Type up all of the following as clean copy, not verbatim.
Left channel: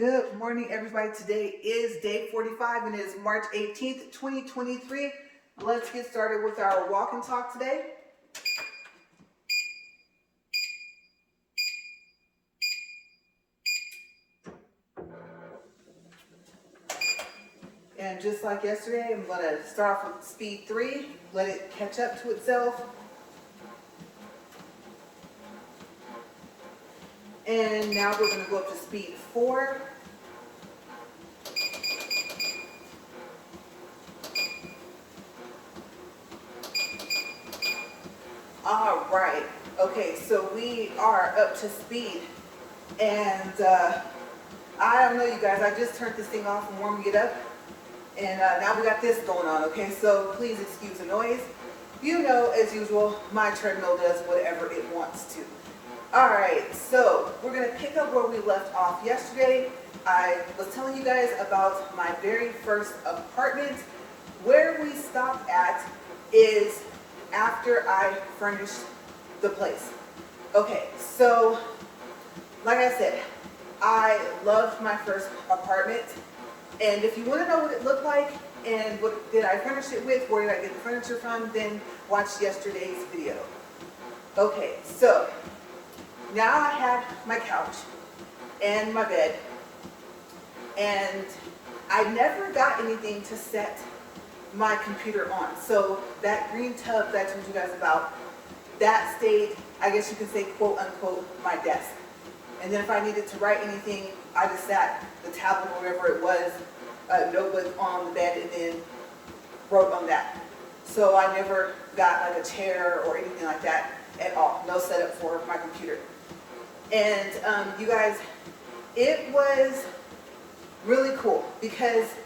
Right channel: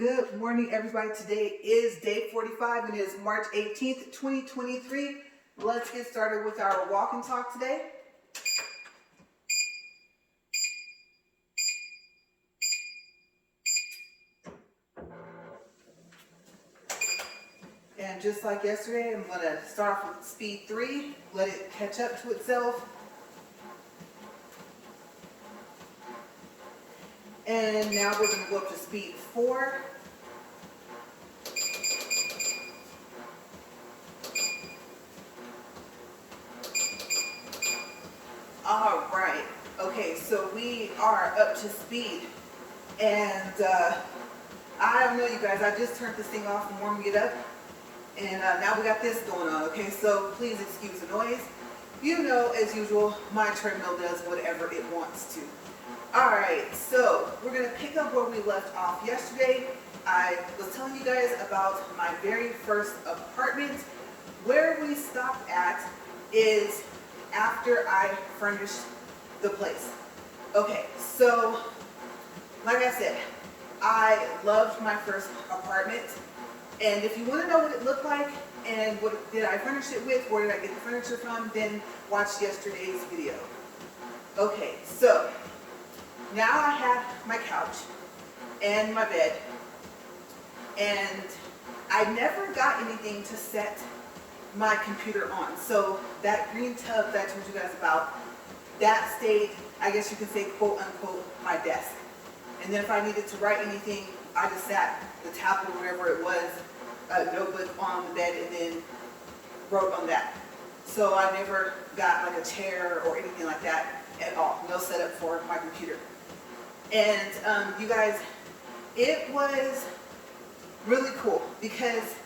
Good morning, everybody. Today is day 45 and it is March 18th, 2023. Let's get started with our walk and talk today. And just like yesterday, I'm going to start off with speed 3, let it catch up to itself. And now we're going to go up to speed 4. All right. Okay, so we are up to speed. And I don't know, you guys, I just turned this thing off and warming it up. And now we got this going on, okay? So please excuse the noise. You know, as usual, my treadmill does whatever it wants to. All right, so we're going to pick up where we left off yesterday. I was telling you guys about my very first apartment. Where we stopped at is after I furnished the place. Okay, so like I said, I loved my first apartment. And if you want to know what it looked like and what did I furnish it with, where did I get the furniture from, then watch yesterday's video. Okay, so now I had my couch and my bed, and I never got anything to set my computer on. So that green tub that I told you guys about, that stayed, I guess you could say, quote unquote, my desk. And then if I needed to write anything, I just sat the tablet or whatever it was, notebook on the bed, and then wrote on that. So I never got like a chair or anything like that at all. No setup for my computer. And you guys, it was really cool because,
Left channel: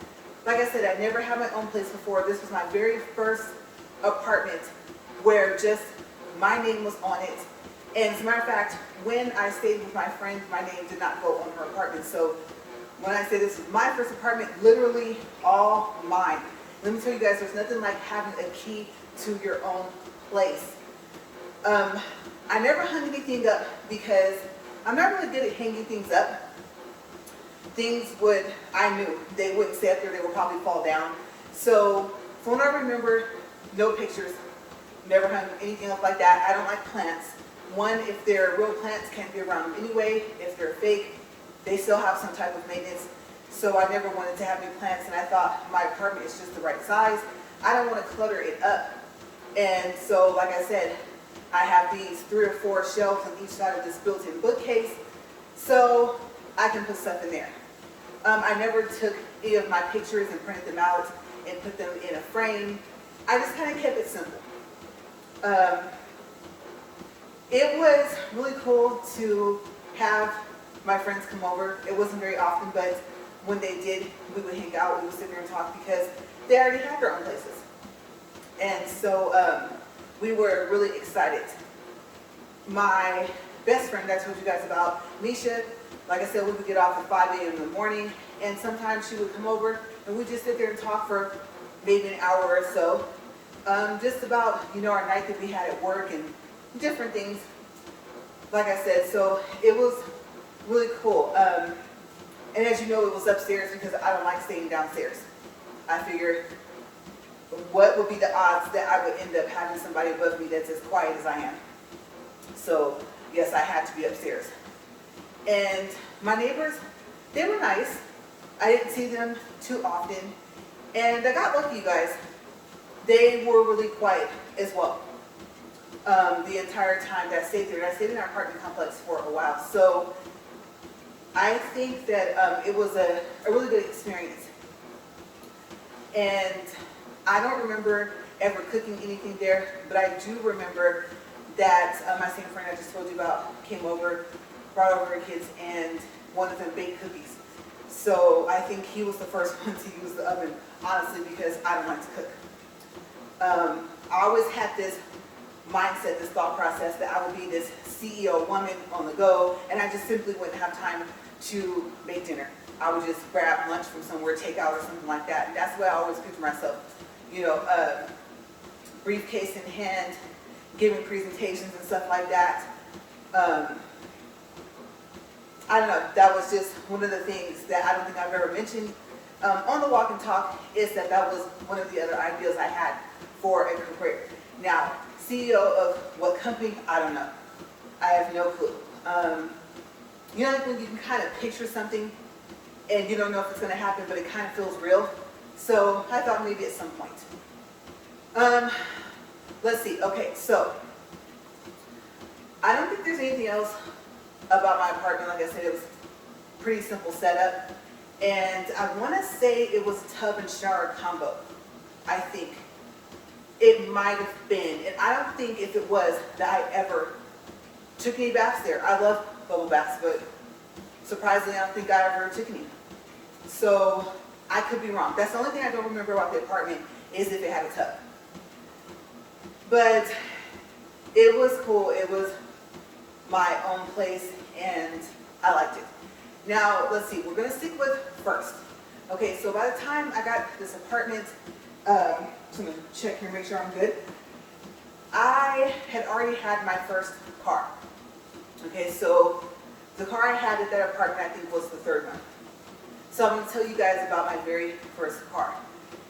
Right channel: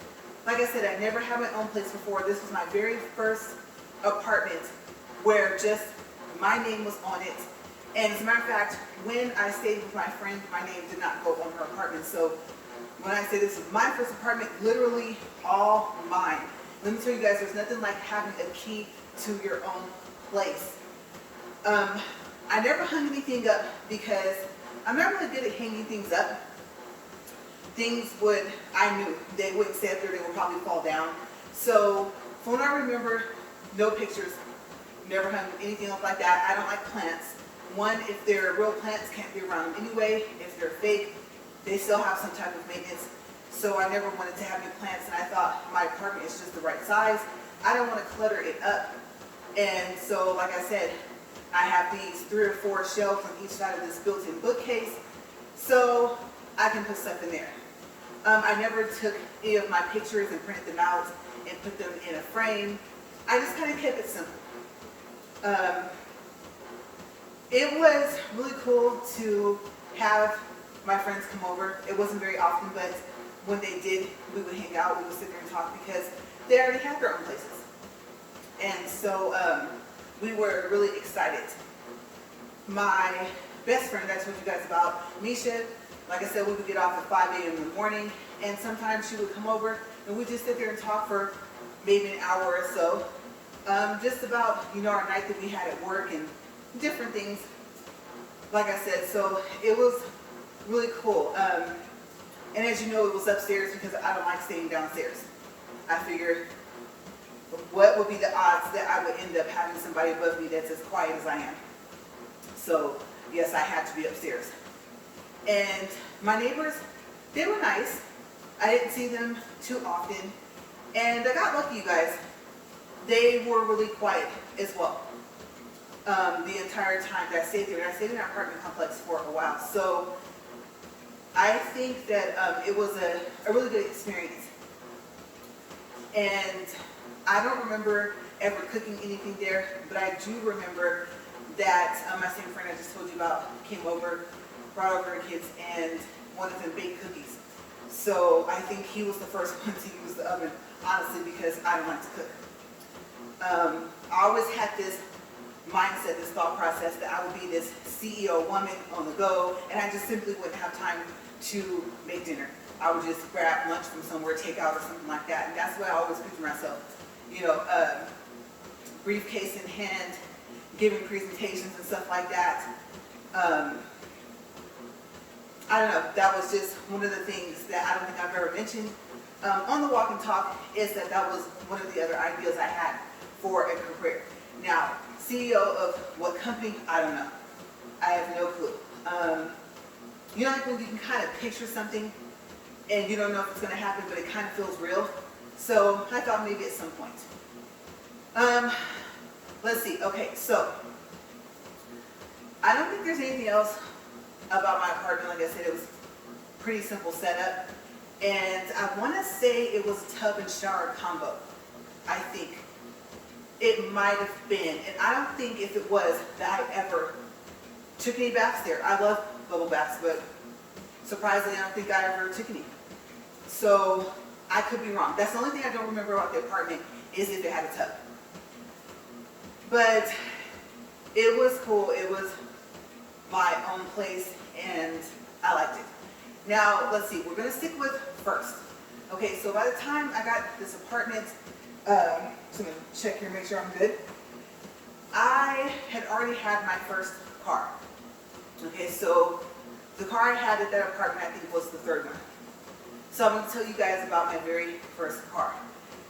like I said, I never had my own place before. This was my very first apartment where just my name was on it. And as a matter of fact, when I stayed with my friend, my name did not go on her apartment. So when I say this was my first apartment, literally all mine. Let me tell you guys, there's nothing like having a key to your own place. I never hung anything up because I'm not really good at hanging things up. Things I knew they wouldn't stay up there, they would probably fall down. So from what I remember, no pictures, never hung anything up like that. I don't like plants. One, if they're real plants, can't be around them anyway. If they're fake, they still have some type of maintenance. So I never wanted to have any plants, and I thought my apartment is just the right size. I don't want to clutter it up. And so, like I said, I have these 3 or 4 shelves on each side of this built-in bookcase, so I can put stuff in there. I never took any of my pictures and printed them out and put them in a frame. I just kind of kept it simple. It was really cool to have my friends come over. It wasn't very often, but when they did, we would hang out, we would sit there and talk because they already had their own places. And so we were really excited. My best friend I told you guys about, Misha, like I said, we would get off at 5 a.m. in the morning, and sometimes she would come over and we'd just sit there and talk for maybe an hour or so. Just about, our night that we had at work and different things, like I said. So it was really cool. And as you know, it was upstairs because I don't like staying downstairs. I figured, what would be the odds that I would end up having somebody above me that's as quiet as I am? So yes, I had to be upstairs. And my neighbors, they were nice. I didn't see them too often. And I got lucky, you guys. They were really quiet as well. The entire time that I stayed there. And I stayed in our apartment complex for a while. So I think that it was a really good experience. And I don't remember ever cooking anything there, but I do remember that my same friend I just told you about came over, brought over her kids, and one of them baked cookies. So I think he was the first one to use the oven, honestly, because I don't like to cook. I always had this mindset, this thought process that I would be this CEO woman on the go, and I just simply wouldn't have time to make dinner. I would just grab lunch from somewhere, takeout or something like that, and that's the way I always picture myself. Briefcase in hand, giving presentations and stuff like that. I I don't know, that was just one of the things that I don't think I've ever mentioned on the walk and talk, is that that was one of the other ideas I had for a career. Now, CEO of what company, I don't know. I have no clue. You know, like when you can kind of picture something and you don't know if it's going to happen, but it kind of feels real. So I thought maybe at some point. Let's see. Okay, so I don't think there's anything else about my apartment. Like I said, it was pretty simple setup. And I want to say it was tub and shower combo. I think it might have been. And I don't think if it was that I ever took any baths there. I love bubble baths, but surprisingly, I don't think I ever took any. So I could be wrong. That's the only thing I don't remember about the apartment, is if it had a tub. But it was cool. It was my own place, and I liked it. Now, let's see. We're going to stick with first. Okay, so by the time I got this apartment, I'm going to check here and make sure I'm good. I had already had my first car. Okay, so the car I had at that apartment, I think, was the third one. So I'm going to tell you guys about my very first car.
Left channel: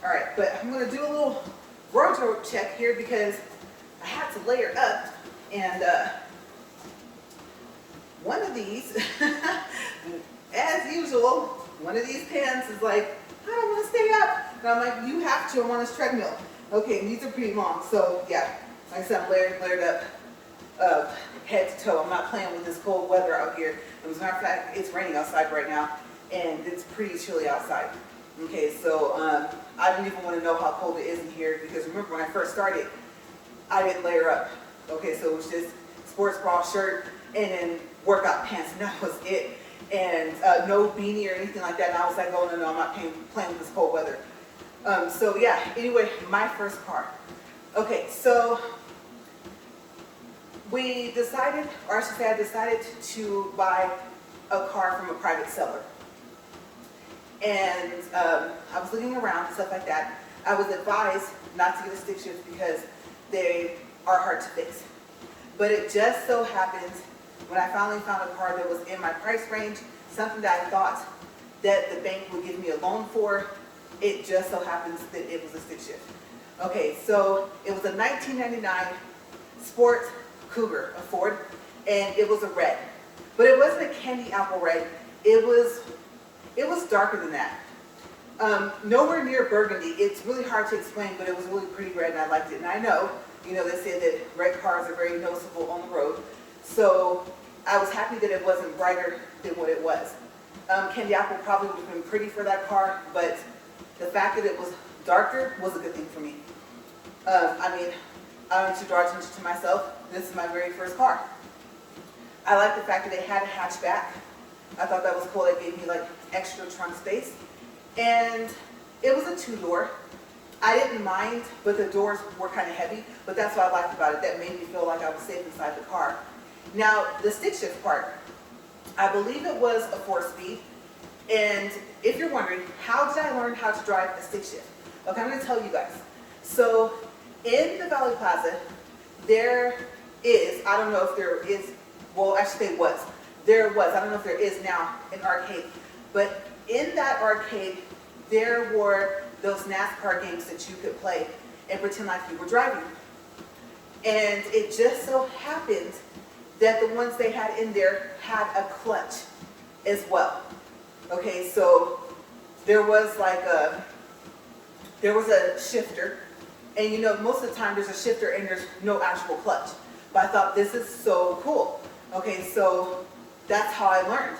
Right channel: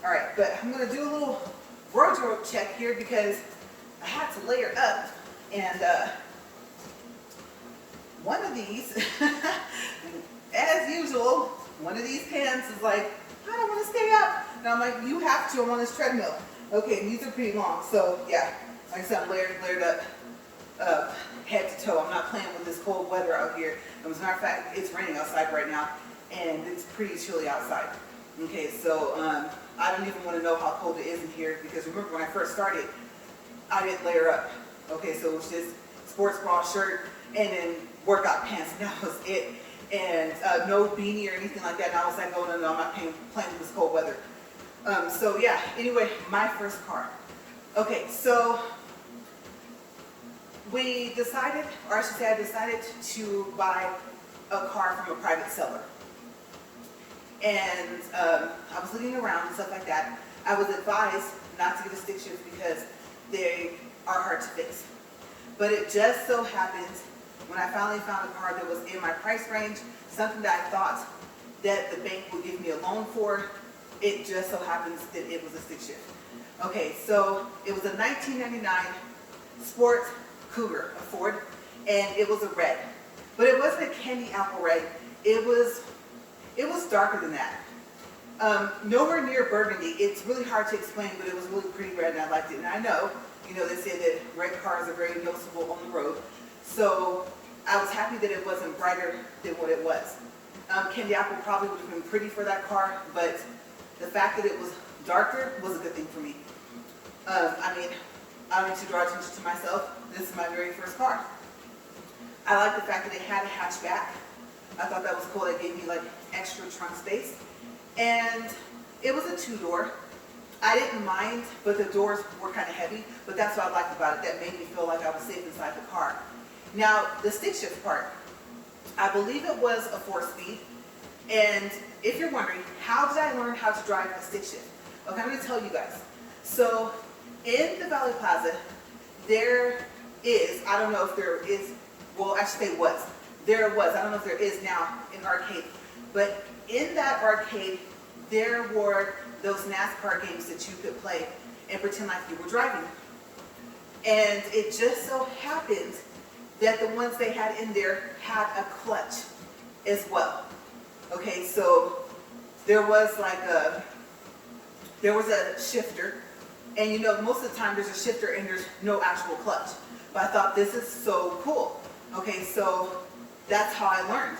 All right, but I'm going to do a little wardrobe check here because I had to layer up, and one of these, as usual, one of these pants is like, I don't want to stay up. And I'm like, you have to, I'm on this treadmill. Okay, and these are pretty long, so yeah, like I said, I'm layered up head to toe. I'm not playing with this cold weather out here. And as a matter of fact, it's raining outside right now, and it's pretty chilly outside. Okay, so I don't even want to know how cold it is in here, because remember when I first started, I didn't layer up. Okay, so it was just sports bra, shirt, and then workout pants, and that was it. And no beanie or anything like that. And I was like, oh no, I'm not playing with this cold weather. So yeah, anyway, my first car. Okay, so we decided, or I should say I decided to buy a car from a private seller. And I was looking around and stuff like that. I was advised not to get a stick shift because they are hard to fix. But it just so happens, when I finally found a car that was in my price range, something that I thought that the bank would give me a loan for, it just so happens that it was a stick shift. Okay, so it was a 1999 Sport Cougar, a Ford, and it was a red. But it wasn't a candy apple red. It was darker than that. Nowhere near burgundy. It's really hard to explain, but it was really pretty red, and I liked it. And I know, you know, they say that red cars are very noticeable on the road. So I was happy that it wasn't brighter than what it was. Candy apple probably would have been pretty for that car, but the fact that it was darker was a good thing for me. I mean, I don't need to draw attention to myself. This is my very first car. I like the fact that it had a hatchback. I thought that was cool. It gave me like extra trunk space. And it was a two-door. I didn't mind, but the doors were kind of heavy. But that's what I liked about it. That made me feel like I was safe inside the car. Now, the stick shift part. I believe it was a 4-speed. And if you're wondering, how did I learn how to drive a stick shift? Okay, I'm going to tell you guys. So, in the Valley Plaza, there is, I don't know if there is, well, actually there was. There was, I don't know if there is now, an arcade. But in that arcade, there were those NASCAR games that you could play and pretend like you were driving. And it just so happened that the ones they had in there had a clutch as well. Okay, so there was a shifter, and you know, most of the time there's a shifter and there's no actual clutch. But I thought, this is so cool. Okay, so that's how I learned.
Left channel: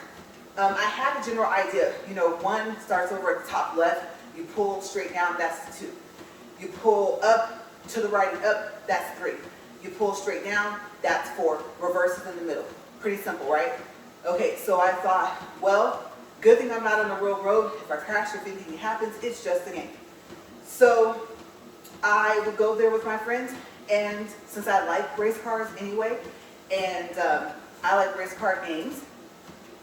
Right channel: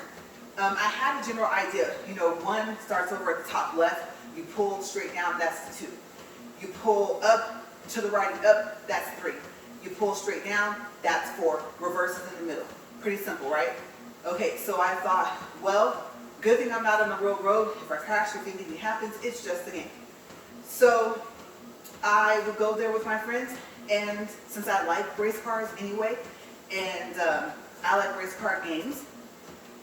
I had a general idea. You know, one starts over at the top left, you pull straight down, that's the 2. You pull up to the right and up, that's 3. You pull straight down, that's 4. Reverses in the middle. Pretty simple, right? Okay, so I thought, well, good thing I'm not on the real road. If I crash or if anything happens, it's just a game. So I would go there with my friends, and since I like race cars anyway, and I like race car games,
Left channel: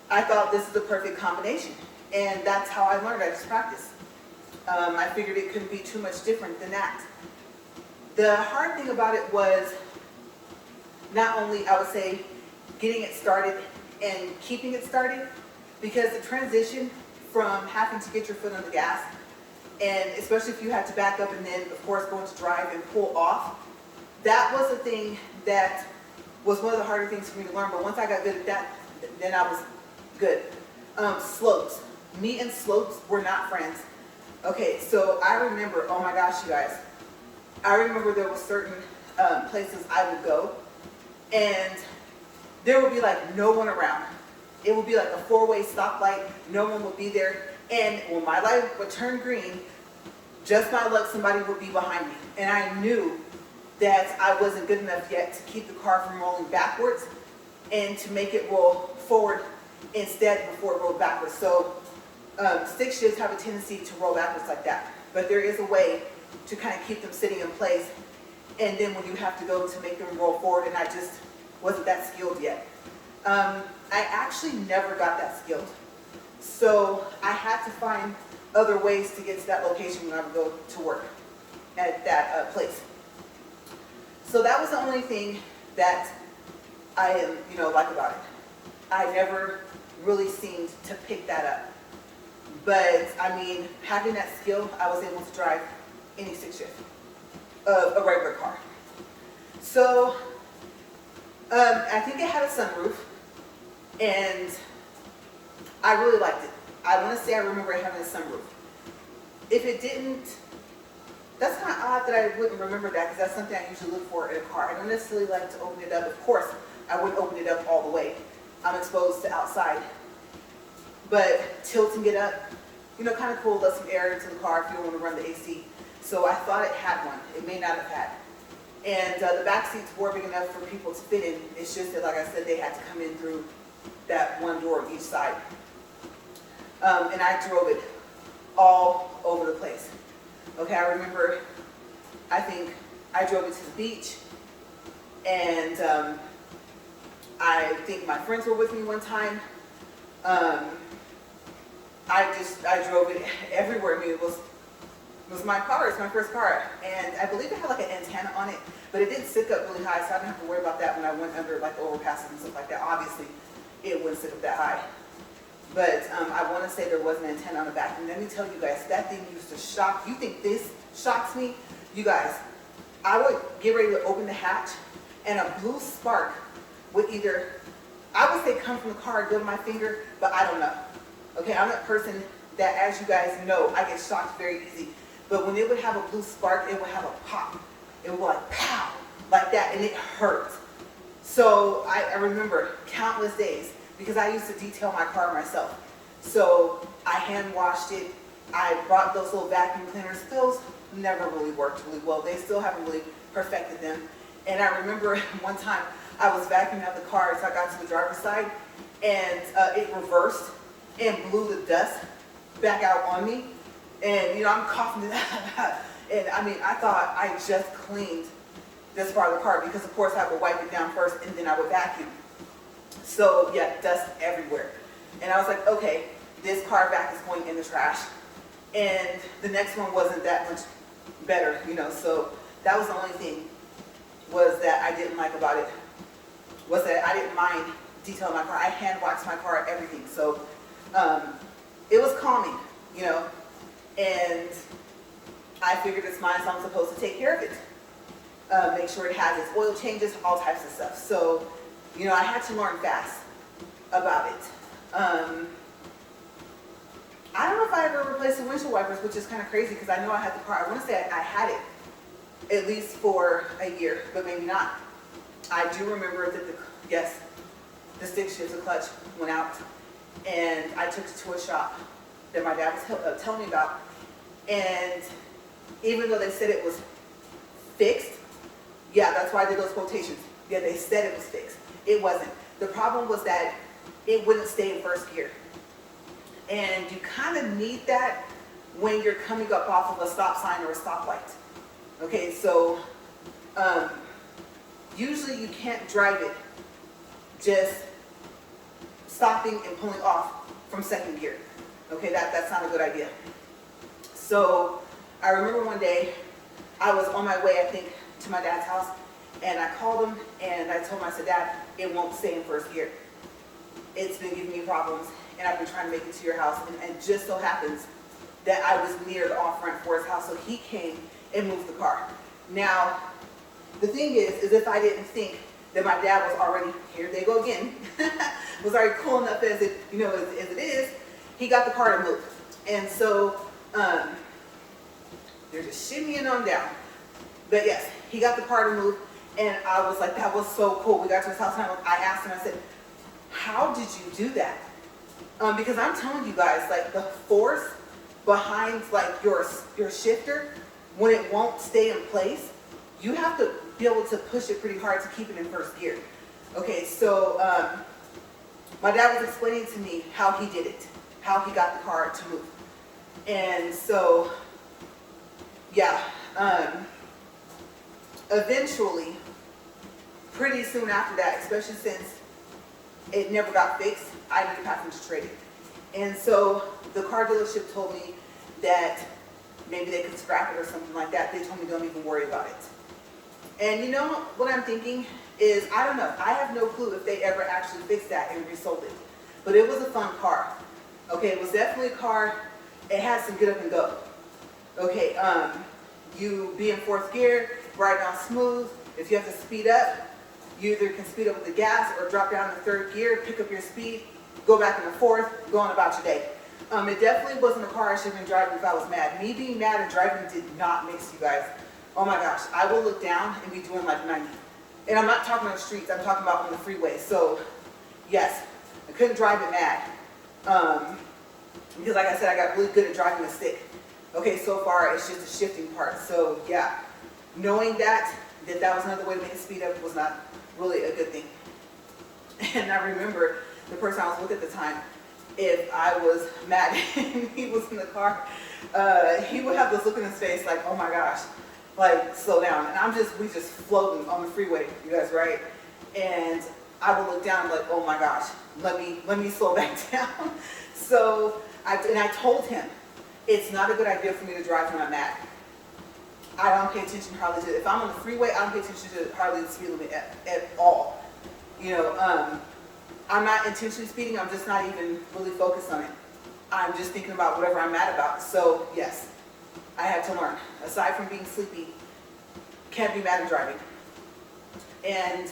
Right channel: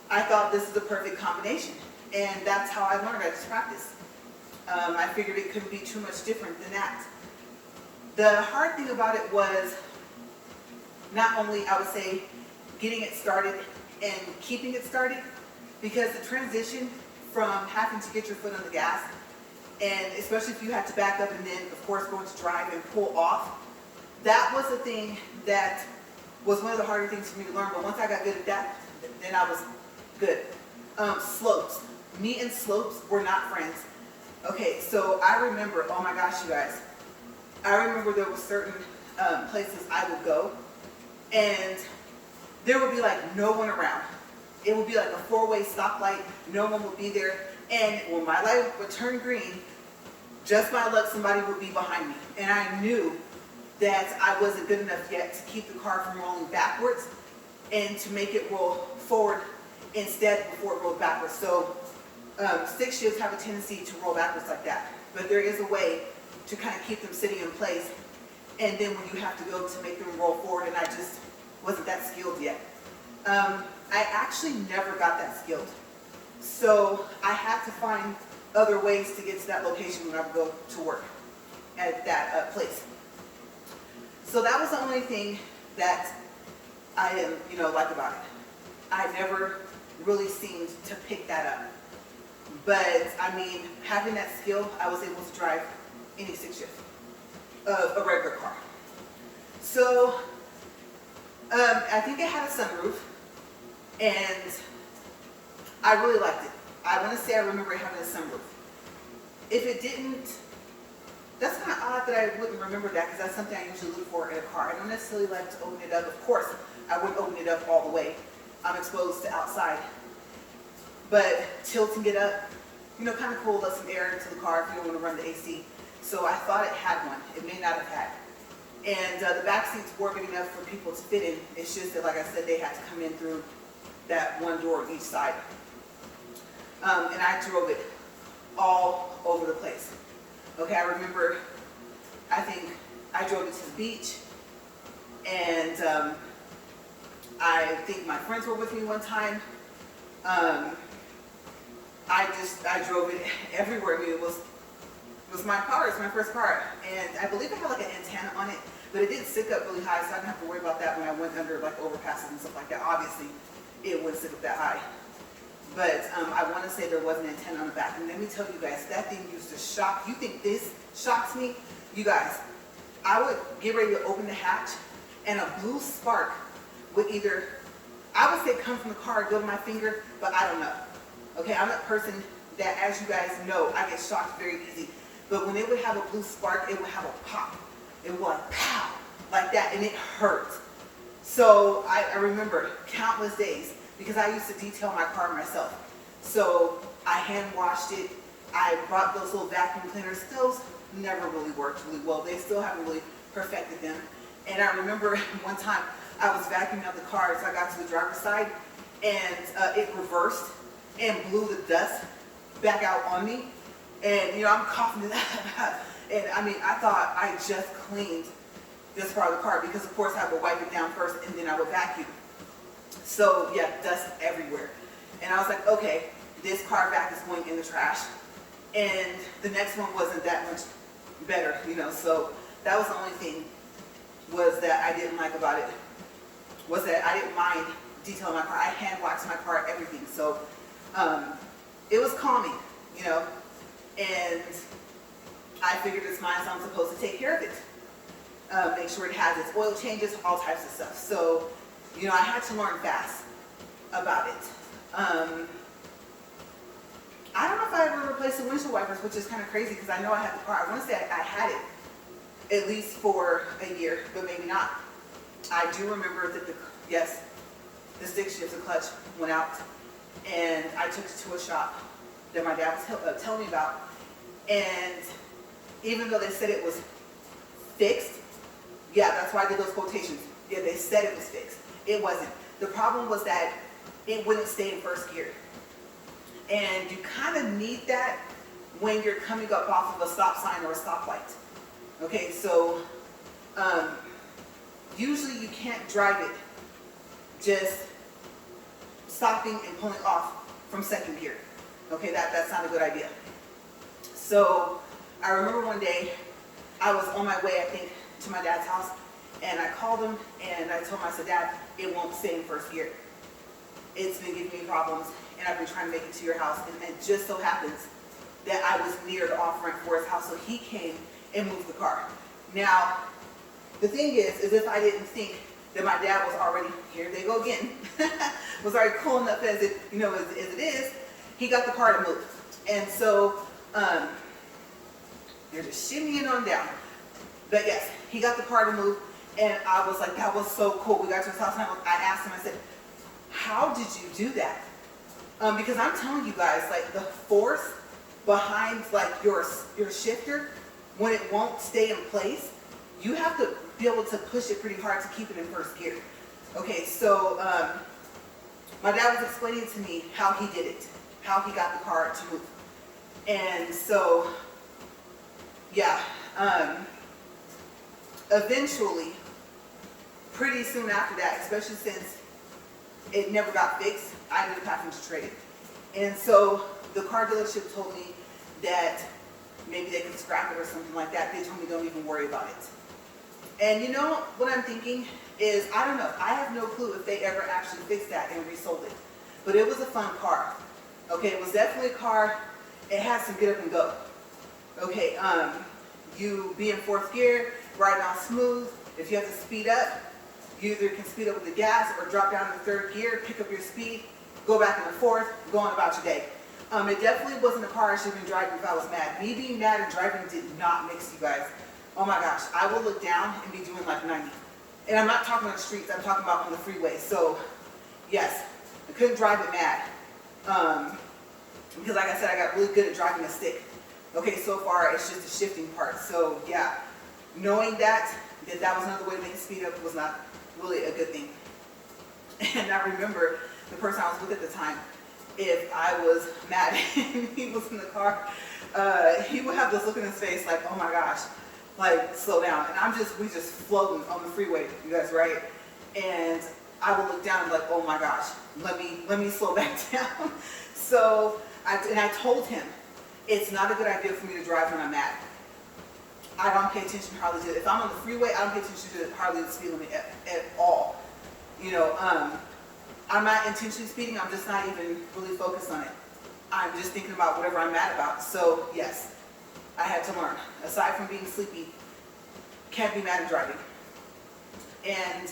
I thought this is the perfect combination. And that's how I learned. I just practiced. I figured it couldn't be too much different than that. The hard thing about it was not only, I would say, getting it started and keeping it started, because the transition from having to get your foot on the gas, and especially if you had to back up and then of course going to drive and pull off, that was a thing that was one of the harder things for me to learn. But once I got good at that, then I was good. Slopes. Me and slopes were not friends. Okay, so I remember, oh my gosh, you guys, I remember there were certain places I would go, and there would be like no one around. It would be like a four-way stoplight, no one would be there, and when my light would turn green, just my luck, somebody would be behind me. And I knew that I wasn't good enough yet to keep the car from rolling backwards and to make it roll forward instead before it rolled backwards. So stick shifts have a tendency to roll backwards like that. But there is a way to kind of keep them sitting in place, and then when you have to go to make them roll forward, and I just wasn't that skilled yet. I actually never got that skilled. So I had to find other ways to get to that location when I would go to work at that place. So that was the only thing that I like about it. I never really seemed to pick that up. But I mean, having that skill, I was able to drive any stick shift of a regular car. So I think it had a sunroof, and I really liked it. I want to say I remember it having a sunroof. If it didn't, that's kind of odd that I wouldn't remember that, because that's something I usually look for in a car. I don't necessarily like to open it up. Of course, I wouldn't open it up all the way. I'm exposed to outside. But tilting it up, kind of cool, let some air into the car if you don't want to run the AC. So I thought it had one. It may not have had. And the back seats were big enough for people to fit in. It's just that, like I said, they had to come in through that one door on each side. And I drove it all over the place. Okay, I remember, I think I drove it to the beach, and I think my friends were with me one time. I drove it everywhere. I mean, it was my car. It's my first car, and I believe it had like an antenna on it, but it didn't stick up really high, so I didn't have to worry about that when I went under like overpasses and stuff like that. Obviously, it wouldn't stick up that high. But I want to say there was an antenna on the back. And let me tell you guys, that thing used to shock. You think this shocks me? You guys, I would get ready to open the hatch, and a blue spark would either, I would say come from the car and go to my finger, but I don't know. Okay, I'm that person that, as you guys know, I get shocked very easy. But when it would have a blue spark, it would have a pop. It would go like pow, like that, and it hurt. So I remember countless days, because I used to detail my car myself. So I hand washed it. I brought those little vacuum cleaners. Those never really worked really well. They still haven't really perfected them. And I remember one time I was vacuuming out the car, so I got to the driver's side, and it reversed and blew the dust back out on me. And I'm coughing it out. And I mean, I thought I just cleaned this part of the car, because of course I would wipe it down first and then I would vacuum. So yeah, dust everywhere. And I was like, okay, this car vac is going in the trash. And the next one wasn't that much better, so that was the only thing was that I didn't like about it, was that I didn't mind detailing my car. I hand waxed my car, everything. So it was calming, and I figured it's mine, so I'm supposed to take care of it. Make sure it has its oil changes, all types of stuff. So I had to learn fast about it. I don't know if I ever replaced the windshield wipers, which is kind of crazy, because I know I had the car. I want to say I had it at least for a year, but maybe not. I do remember that the stick shift, the clutch went out, and I took it to a shop that my dad was telling me about. And even though they said it was fixed, yeah, that's why I did those quotations. Yeah, they said it was fixed. It wasn't. The problem was that it wouldn't stay in first gear. And you kind of need that when you're coming up off of a stop sign or a stoplight. Okay, so usually you can't drive it just stopping and pulling off from second gear. Okay, that's not a good idea. So I remember one day I was on my way, I think, to my dad's house, and I called him and I told him, I said, Dad, it won't stay in first gear. it's been giving me problems, and I've been trying to make it to your house, and just so happens that I was near the off-ramp for his house, so he came and moved the car. Now, the thing is if I didn't think that my dad was already, here they go again, was already cool enough as it, you know, as it is, he got the car to move. And so, they're just shimmying on down. But yes, he got the car to move, and I was like, that was so cool. We got to his house, and I asked him, I said, how did you do that? Because I'm telling you guys, like, the force behind, like, your shifter, when it won't stay in place, you have to be able to push it pretty hard to keep it in first gear. Okay, so my dad was explaining to me how he did it, how he got the car to move. And so, yeah, eventually, pretty soon after that, especially since it never got fixed, I ended up having to trade it. And so the car dealership told me that maybe they could scrap it or something like that. They told me don't even worry about it. And you know what I'm thinking is, I don't know, I have no clue if they ever actually fixed that and resold it. But it was a fun car. Okay, it was definitely a car, it has to get up and go. Okay, you be in fourth gear, ride down smooth. If you have to speed up, you either can speed up with the gas or drop down to third gear, pick up your speed, go back into fourth, go on about your day. It definitely wasn't a car I should have been driving if I was mad. Me being mad and driving did not mix, you guys. Oh my gosh, I will look down and be doing like 90. And I'm not talking on the streets, I'm talking about on the freeway. So yes, I couldn't drive it mad. Because like I said, I got really good at driving a stick. Okay, so far it's just the shifting part. So yeah, knowing that was another way to make it speed up was not really a good thing. And I remember the person I was with at the time, if I was mad and he was in the car, he would have this look in his face like, oh my gosh, like slow down. And we just floating on the freeway, you guys, right? And I would look down like, oh my gosh, let me slow back down. So I told him, it's not a good idea for me to drive when I'm mad. I don't pay attention hardly to it. If I'm on the freeway, I don't pay attention to hardly the speed limit at all. You know, I'm not intentionally speeding, I'm just not even really focused on it. I'm just thinking about whatever I'm mad about. So yes, I had to learn. Aside from being sleepy, can't be mad at driving. And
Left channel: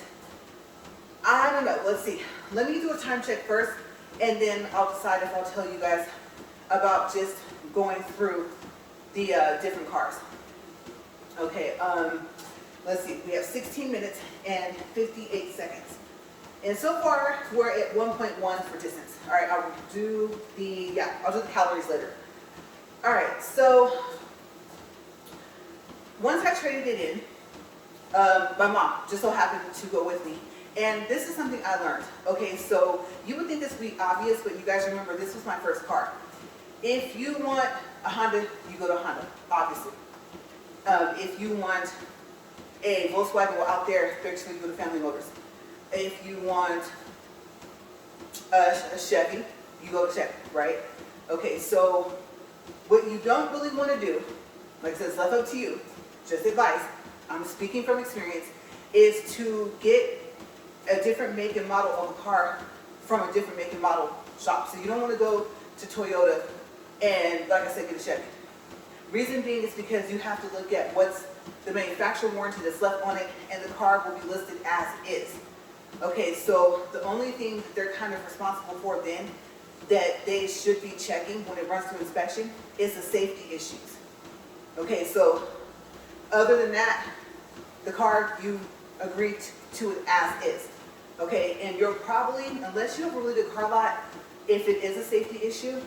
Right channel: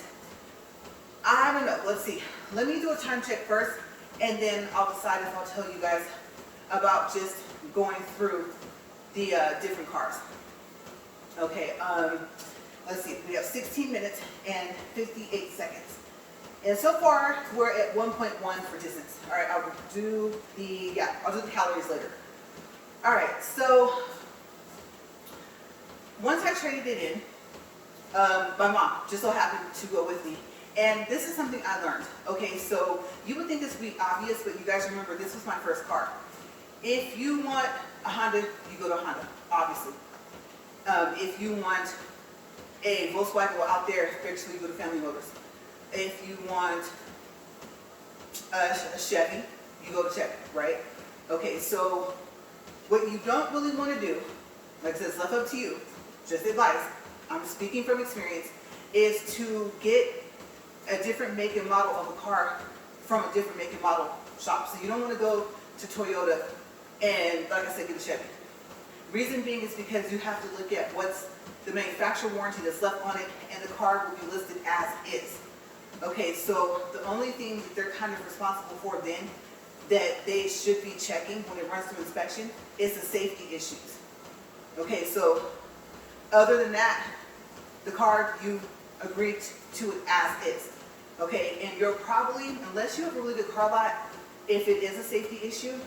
I don't know, let's see. Let me do a time check first, and then I'll decide if I'll tell you guys about just going through the different cars. Okay, let's see, we have 16 minutes and 58 seconds. And so far, we're at 1.1 for distance. All right, I'll do the calories later. All right, so once I traded it in, my mom just so happened to go with me. And this is something I learned. Okay, so you would think this would be obvious, but you guys remember this was my first car. If you want a Honda, you go to a Honda, obviously. If you want a Volkswagen, well, out there, especially you go to Family Motors. If you want a Chevy, you go to Chevy, right? Okay, so what you don't really want to do, like I said, it's left up to you, just advice, I'm speaking from experience, is to get a different make and model of a car from a different make and model shop. So you don't want to go to Toyota and, like I said, get a Chevy. Reason being is because you have to look at what's the manufacturer warranty that's left on it, and the car will be listed as is. Okay, so the only thing that they're kind of responsible for then that they should be checking when it runs through inspection is the safety issues. Okay, so other than that, the car, you agree to it as is. Okay, and you're probably, unless you have a really good car lot, if it is a safety issue,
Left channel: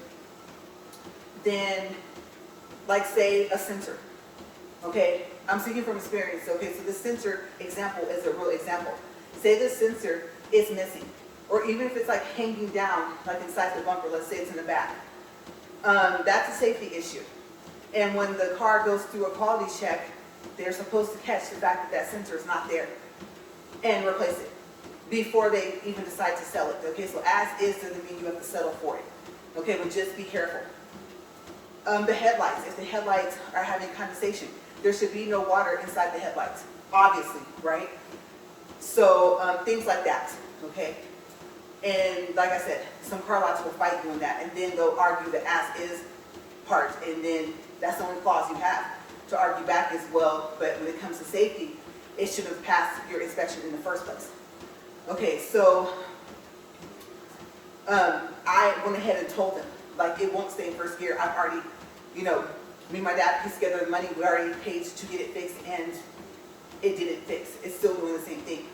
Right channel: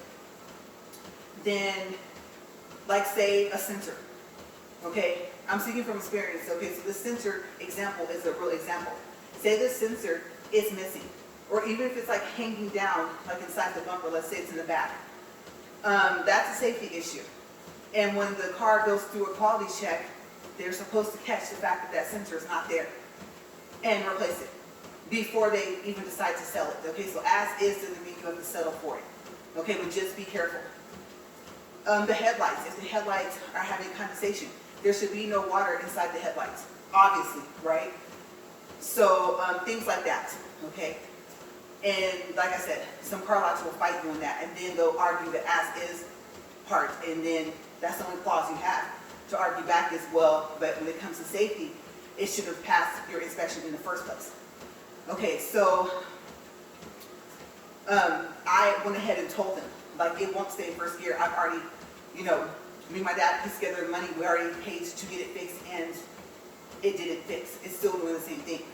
then like say a sensor. Okay, I'm speaking from experience. Okay, so the sensor example is a real example. Say the sensor is missing, or even if it's like hanging down, like inside the bumper, let's say it's in the back. That's a safety issue. And when the car goes through a quality check, they're supposed to catch the fact that that sensor is not there and replace it before they even decide to sell it. Okay, so as is doesn't mean you have to settle for it. Okay, but just be careful. The headlights, if the headlights are having condensation, there should be no water inside the headlights, obviously, right? So things like that, okay? And like I said, some car lots will fight you on that, and then they'll argue the as-is part, and then that's the only clause you have to argue back as well. But when it comes to safety, it should have passed your inspection in the first place. Okay, so I went ahead and told them, like, it won't stay in first gear. I've already, me and my dad pieced together the money. We already paid to get it fixed, and it didn't fix. It's still doing the same thing.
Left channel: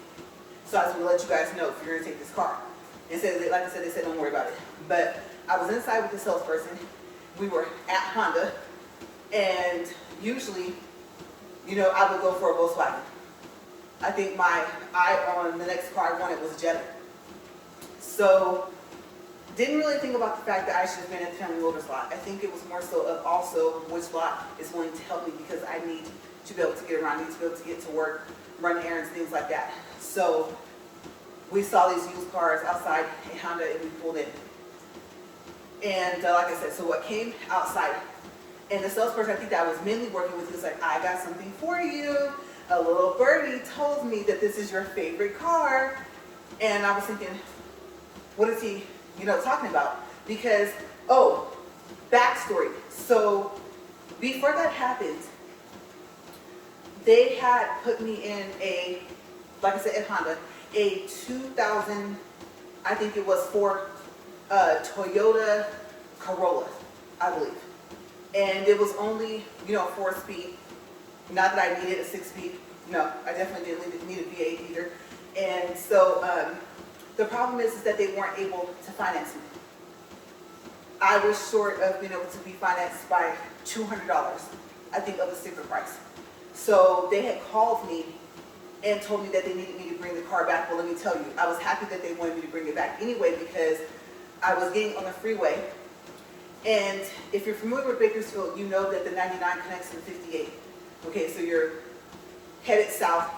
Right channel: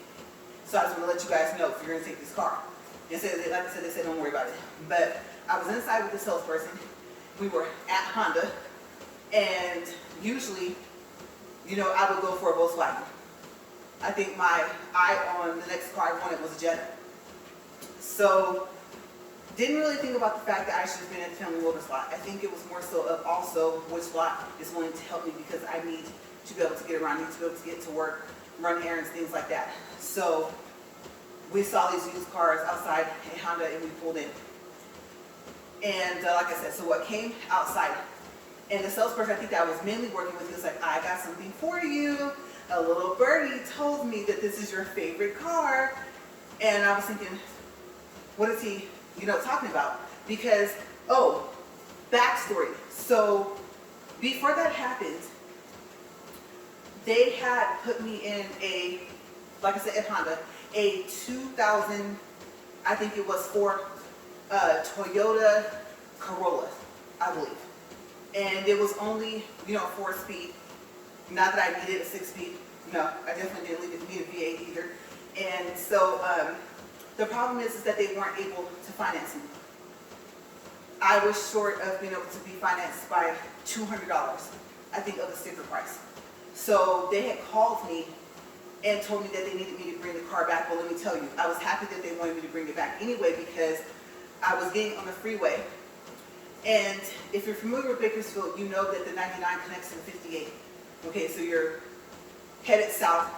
So I was going to let you guys know if you're going to take this car. Instead, like I said, they said don't worry about it. But I was inside with the salesperson. We were at Honda, and usually, I would go for a Volkswagen. I think my eye on the next car I wanted was a Jetta. So didn't really think about the fact that I should have been at the Family Motors lot. I think it was more so of also which lot is willing to help me, because I need to be able to get around, I need to be able to get to work, run errands, things like that. So we saw these used cars outside a Honda, and we pulled in. And like I said, so what came outside, and the salesperson I think that I was mainly working with, he was like, I got something for you. A little birdie told me that this is your favorite car. And I was thinking, what is he, talking about? Because, backstory. So before that happened, they had put me in a, like I said, at Honda, a 2000, I think it was for Toyota Corolla, I believe. And it was only, 4-speed. Not that I needed a 6-speed. No, I definitely didn't need a V8 either. And so the problem is that they weren't able to finance me. I was short of being able to be financed by $200, I think, of the sticker price. So they had called me and told me that they needed me to bring the car back. Well, let me tell you, I was happy that they wanted me to bring it back anyway, because I was getting on the freeway. And if you're familiar with Bakersfield, you know that the 99 connects to the 58. Okay, so you're headed south,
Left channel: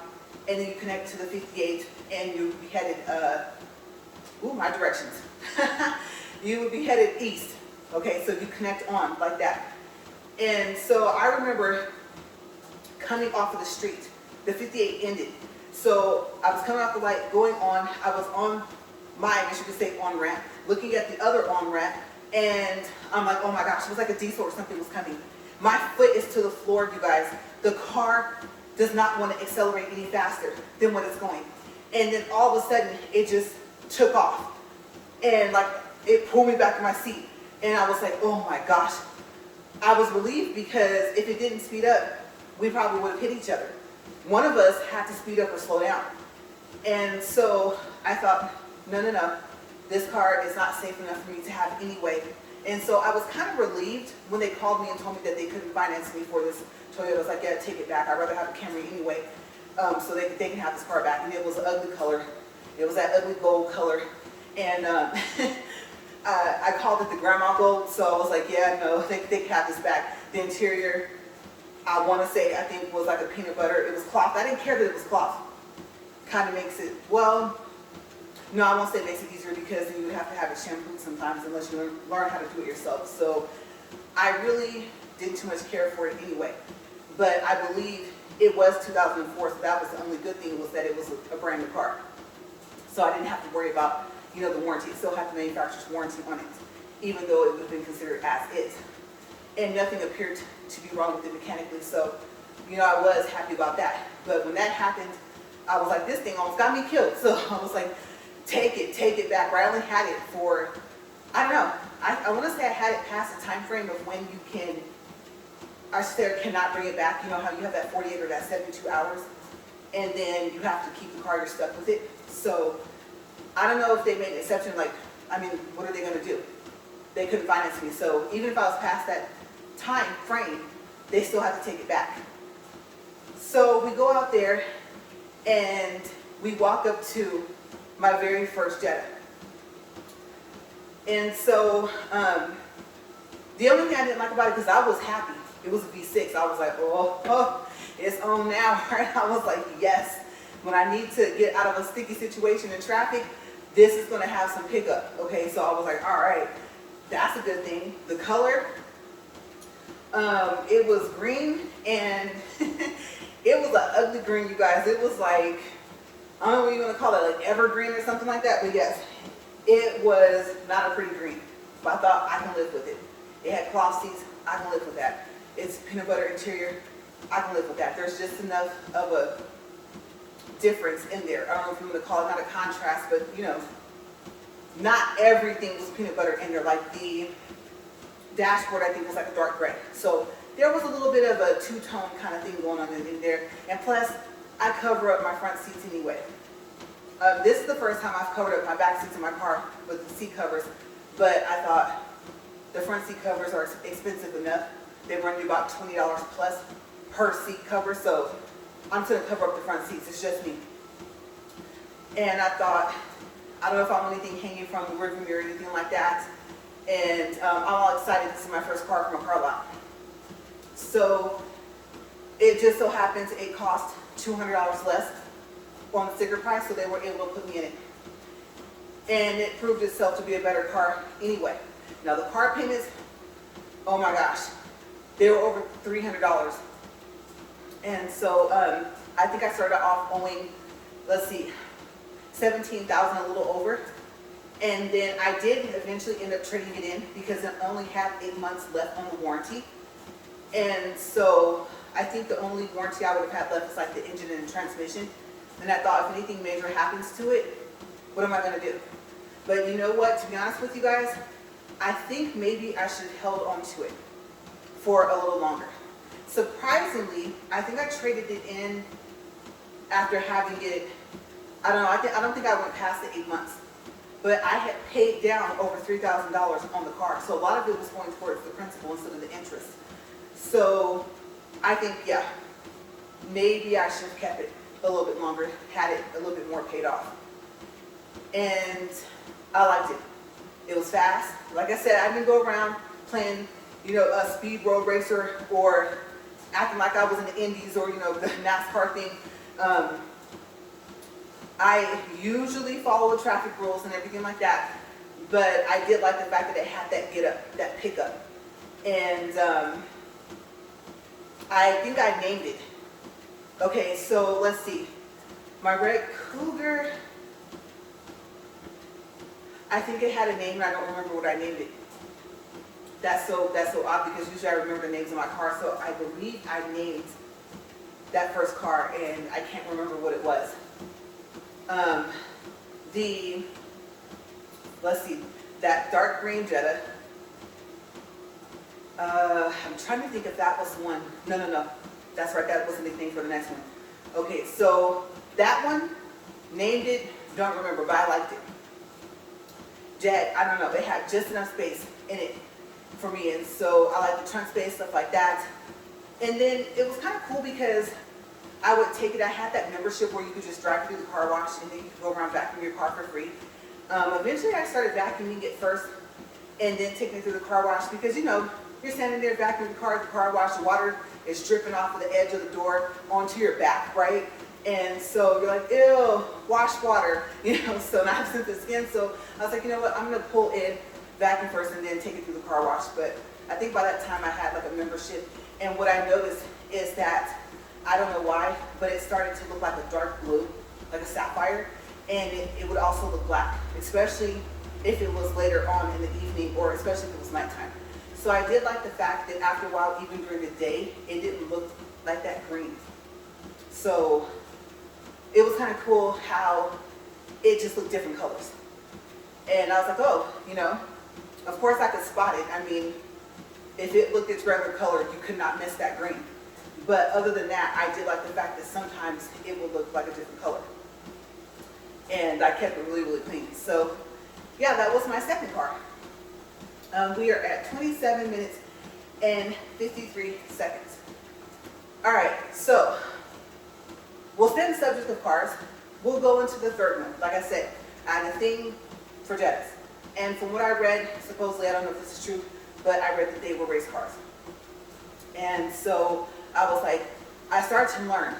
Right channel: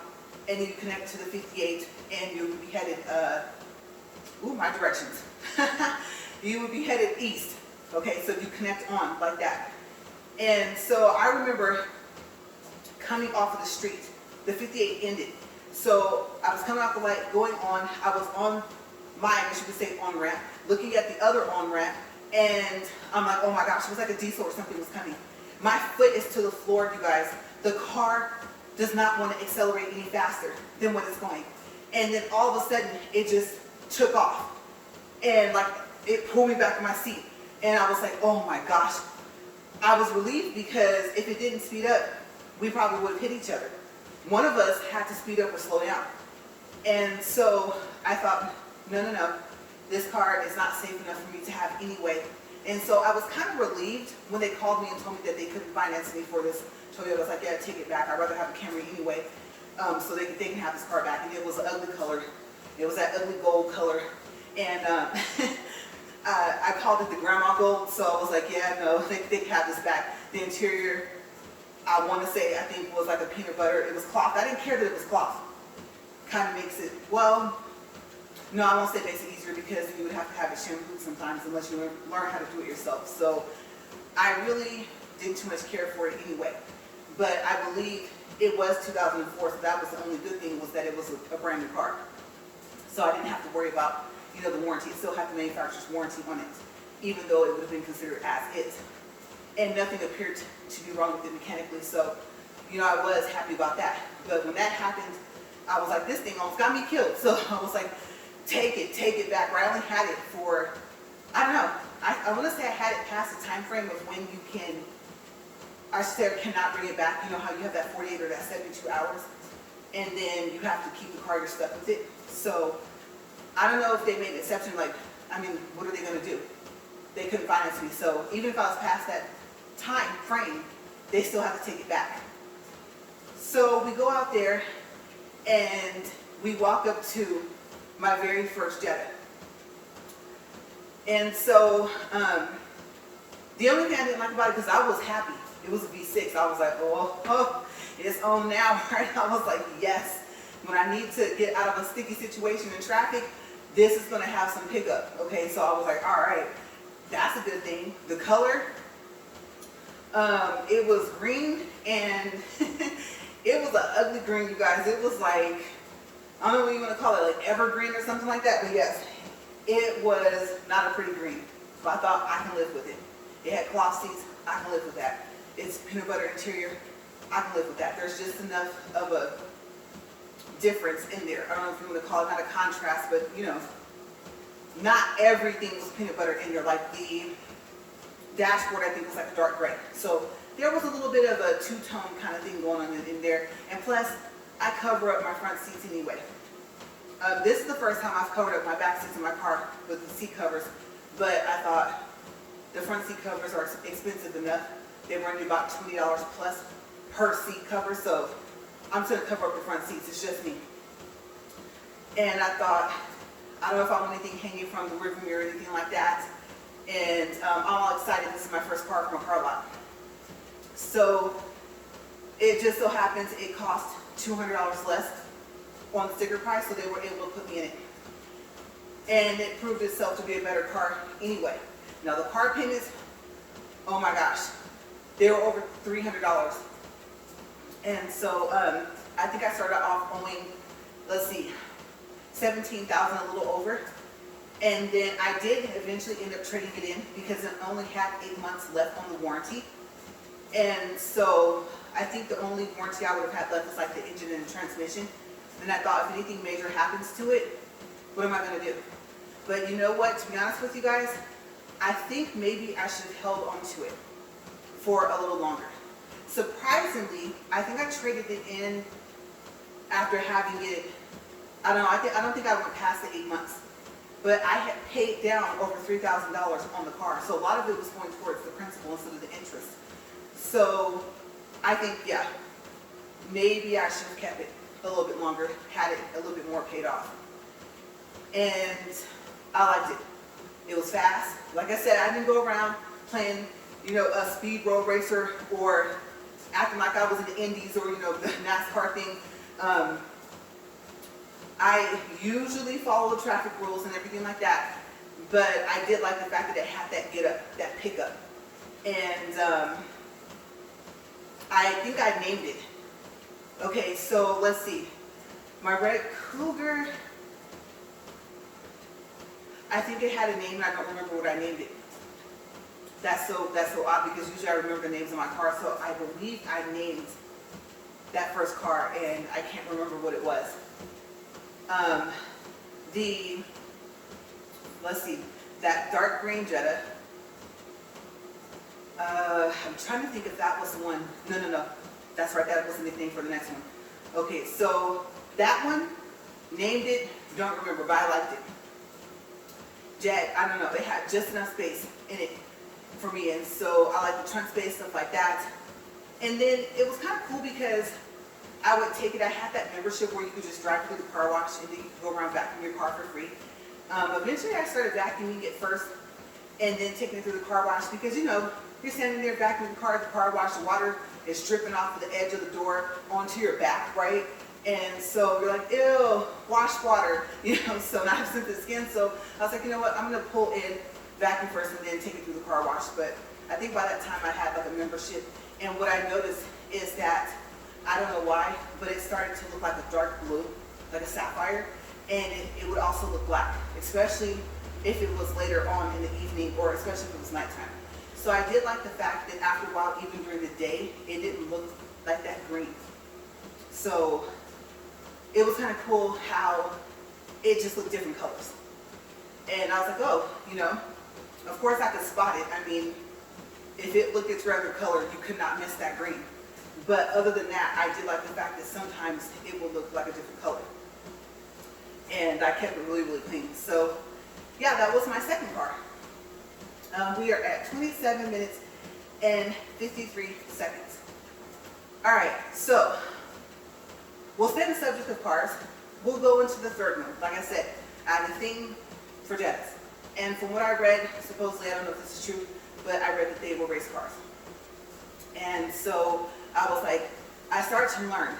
and then you connect to the 58, and you'll be headed, my directions. You would be headed east. Okay, so you connect on like that. And so I remember coming off of the street. The 58 ended. So I was coming off the light, going on. I was on my, I guess you could say, on-ramp, looking at the other on-ramp, and I'm like, oh my gosh, it was like a diesel or something was coming. My foot is to the floor, you guys. The car does not want to accelerate any faster than what it's going. And then all of a sudden, it just took off. And like, it pulled me back to my seat. And I was like, oh my gosh. I was relieved, because if it didn't speed up, we probably would have hit each other. One of us had to speed up or slow down. And so I thought, no, this car is not safe enough for me to have anyway. And so I was kind of relieved when they called me and told me that they couldn't finance me for this Toyota. I was like, yeah, take it back. I'd rather have a Camry anyway, so they can have this car back. And it was an ugly color. It was that ugly gold color. And I called it the grandma gold, so I was like, yeah, no, they can have this back. The interior, I want to say, I think was like a peanut butter. It was cloth. I didn't care that it was cloth. Kind of makes it, well, no, I won't say it makes it easier, because you would have to have it shampooed sometimes unless you learn how to do it yourself. So I really didn't too much care for it anyway. But I believe it was 2004, so that was the only good thing, was that it was a brand new car. So I didn't have to worry about, the warranty. It still had the manufacturer's warranty on it, even though it would have been considered as is. And nothing appeared to be wrong with it mechanically. So, I was happy about that. But when that happened, I was like, this thing almost got me killed. So I was like, take it back. But I only had it for, I don't know. I want to say I had it past the time frame of when you can, I said cannot bring it back. You know how you have that 48 or that 72 hours, and then you have to keep the car, you're stuck with it. So I don't know if they made an exception. Like, what are they going to do? They couldn't finance me. So even if I was past that time frame, they still have to take it back. So we go out there, and we walk up to my very first Jetta. And so the only thing I didn't like about it, because I was happy, it was a V6. I was like, oh, it's on now, right? I was like, yes. When I need to get out of a sticky situation in traffic, this is going to have some pickup. Okay, so I was like, all right, that's a good thing. The color, it was green, and it was an ugly green, you guys. It was like, I don't know what you want to call it, like evergreen or something like that. But yes, it was not a pretty green, but I thought I can live with it. It had cloth seats, I can live with that. It's peanut butter interior, I can live with that. There's just enough of a difference in there. I don't know if you want to call it, not a contrast, but you know, not everything was peanut butter in there. Like the dashboard, I think, was like a dark gray. So there was a little bit of a two-tone kind of thing going on in there. And plus, I cover up my front seats anyway. This is the first time I've covered up my back seats in my car with the seat covers, but I thought the front seat covers are expensive enough. They run you about $20 plus per seat cover, so I'm just gonna cover up the front seats, it's just me. And I thought, I don't know if I want anything hanging from the rearview mirror or anything like that. And I'm all excited, this is my first car from a car lot. So it just so happens it cost $200 less on the sticker price, so they were able to put me in it. And it proved itself to be a better car anyway. Now the car payments, oh my gosh, they were over $300. And so I think I started off owing, let's see, $17,000, a little over. And then I did eventually end up trading it in because it only had 8 months left on the warranty. And so I think the only warranty I would have had left is like the engine and the transmission. And I thought if anything major happens to it, what am I going to do? But you know what, to be honest with you guys, I think maybe I should have held on to it for a little longer. Surprisingly, I think I traded it in after having it, I don't think I went past the 8 months. But I had paid down over $3,000 on the car. So a lot of it was going towards the principal instead of the interest. So I think, yeah, maybe I should have kept it a little bit longer, had it a little bit more paid off. And I liked it. It was fast. Like I said, I didn't go around playing, you know, a speed road racer or acting like I was in the Indies or, you know, the NASCAR thing. I usually follow the traffic rules and everything like that, but I did like the fact that it had that get up, that pickup. And I think I named it. Okay, so let's see. My red Cougar, I think it had a name and I don't remember what I named it. That's so odd because usually I remember the names of my car, so I believe I named that first car and I can't remember what it was. Let's see, that dark green Jetta, I'm trying to think if that was the one. No, that's right, that was the nickname for the next one. Okay, so that one, named it, don't remember, but I liked it. Jag, I don't know, it had just enough space in it for me, and so I like the trunk space, stuff like that. And then it was kind of cool because I would take it, I had that membership where you could just drive through the car wash and then you could go around vacuuming your car for free. Eventually I started vacuuming it first and then taking it through the car wash because, you know, you're standing there vacuuming the car wash, the water is dripping off of the edge of the door onto your back, right? And so you're like, ew, wash water, you know, so now I've sent the skin. So I was like, you know what, I'm gonna pull in, vacuum first and then take it through the car wash. But I think by that time I had like a membership, and what I noticed is that, I don't know why, but it started to look like a dark blue, like a sapphire, and it would also look black, especially if it was later on in the evening or especially if it was nighttime. So I did like the fact that after a while, even during the day, it didn't look like that green. So it was kind of cool how it just looked different colors. And I was like, oh, you know, of course I could spot it. I mean, if it looked its regular color, you could not miss that green. But other than that, I did like the fact that sometimes it will look like a different color. And I kept it really, really clean. So yeah, that was my second car. We are at 27 minutes and 53 seconds. All right, so we'll stay on the subject of cars. We'll go into the third one. Like I said, I had a thing for Jettas. And from what I read, supposedly, I don't know if this is true, but I read that they were race cars. And so I was like, I started to learn,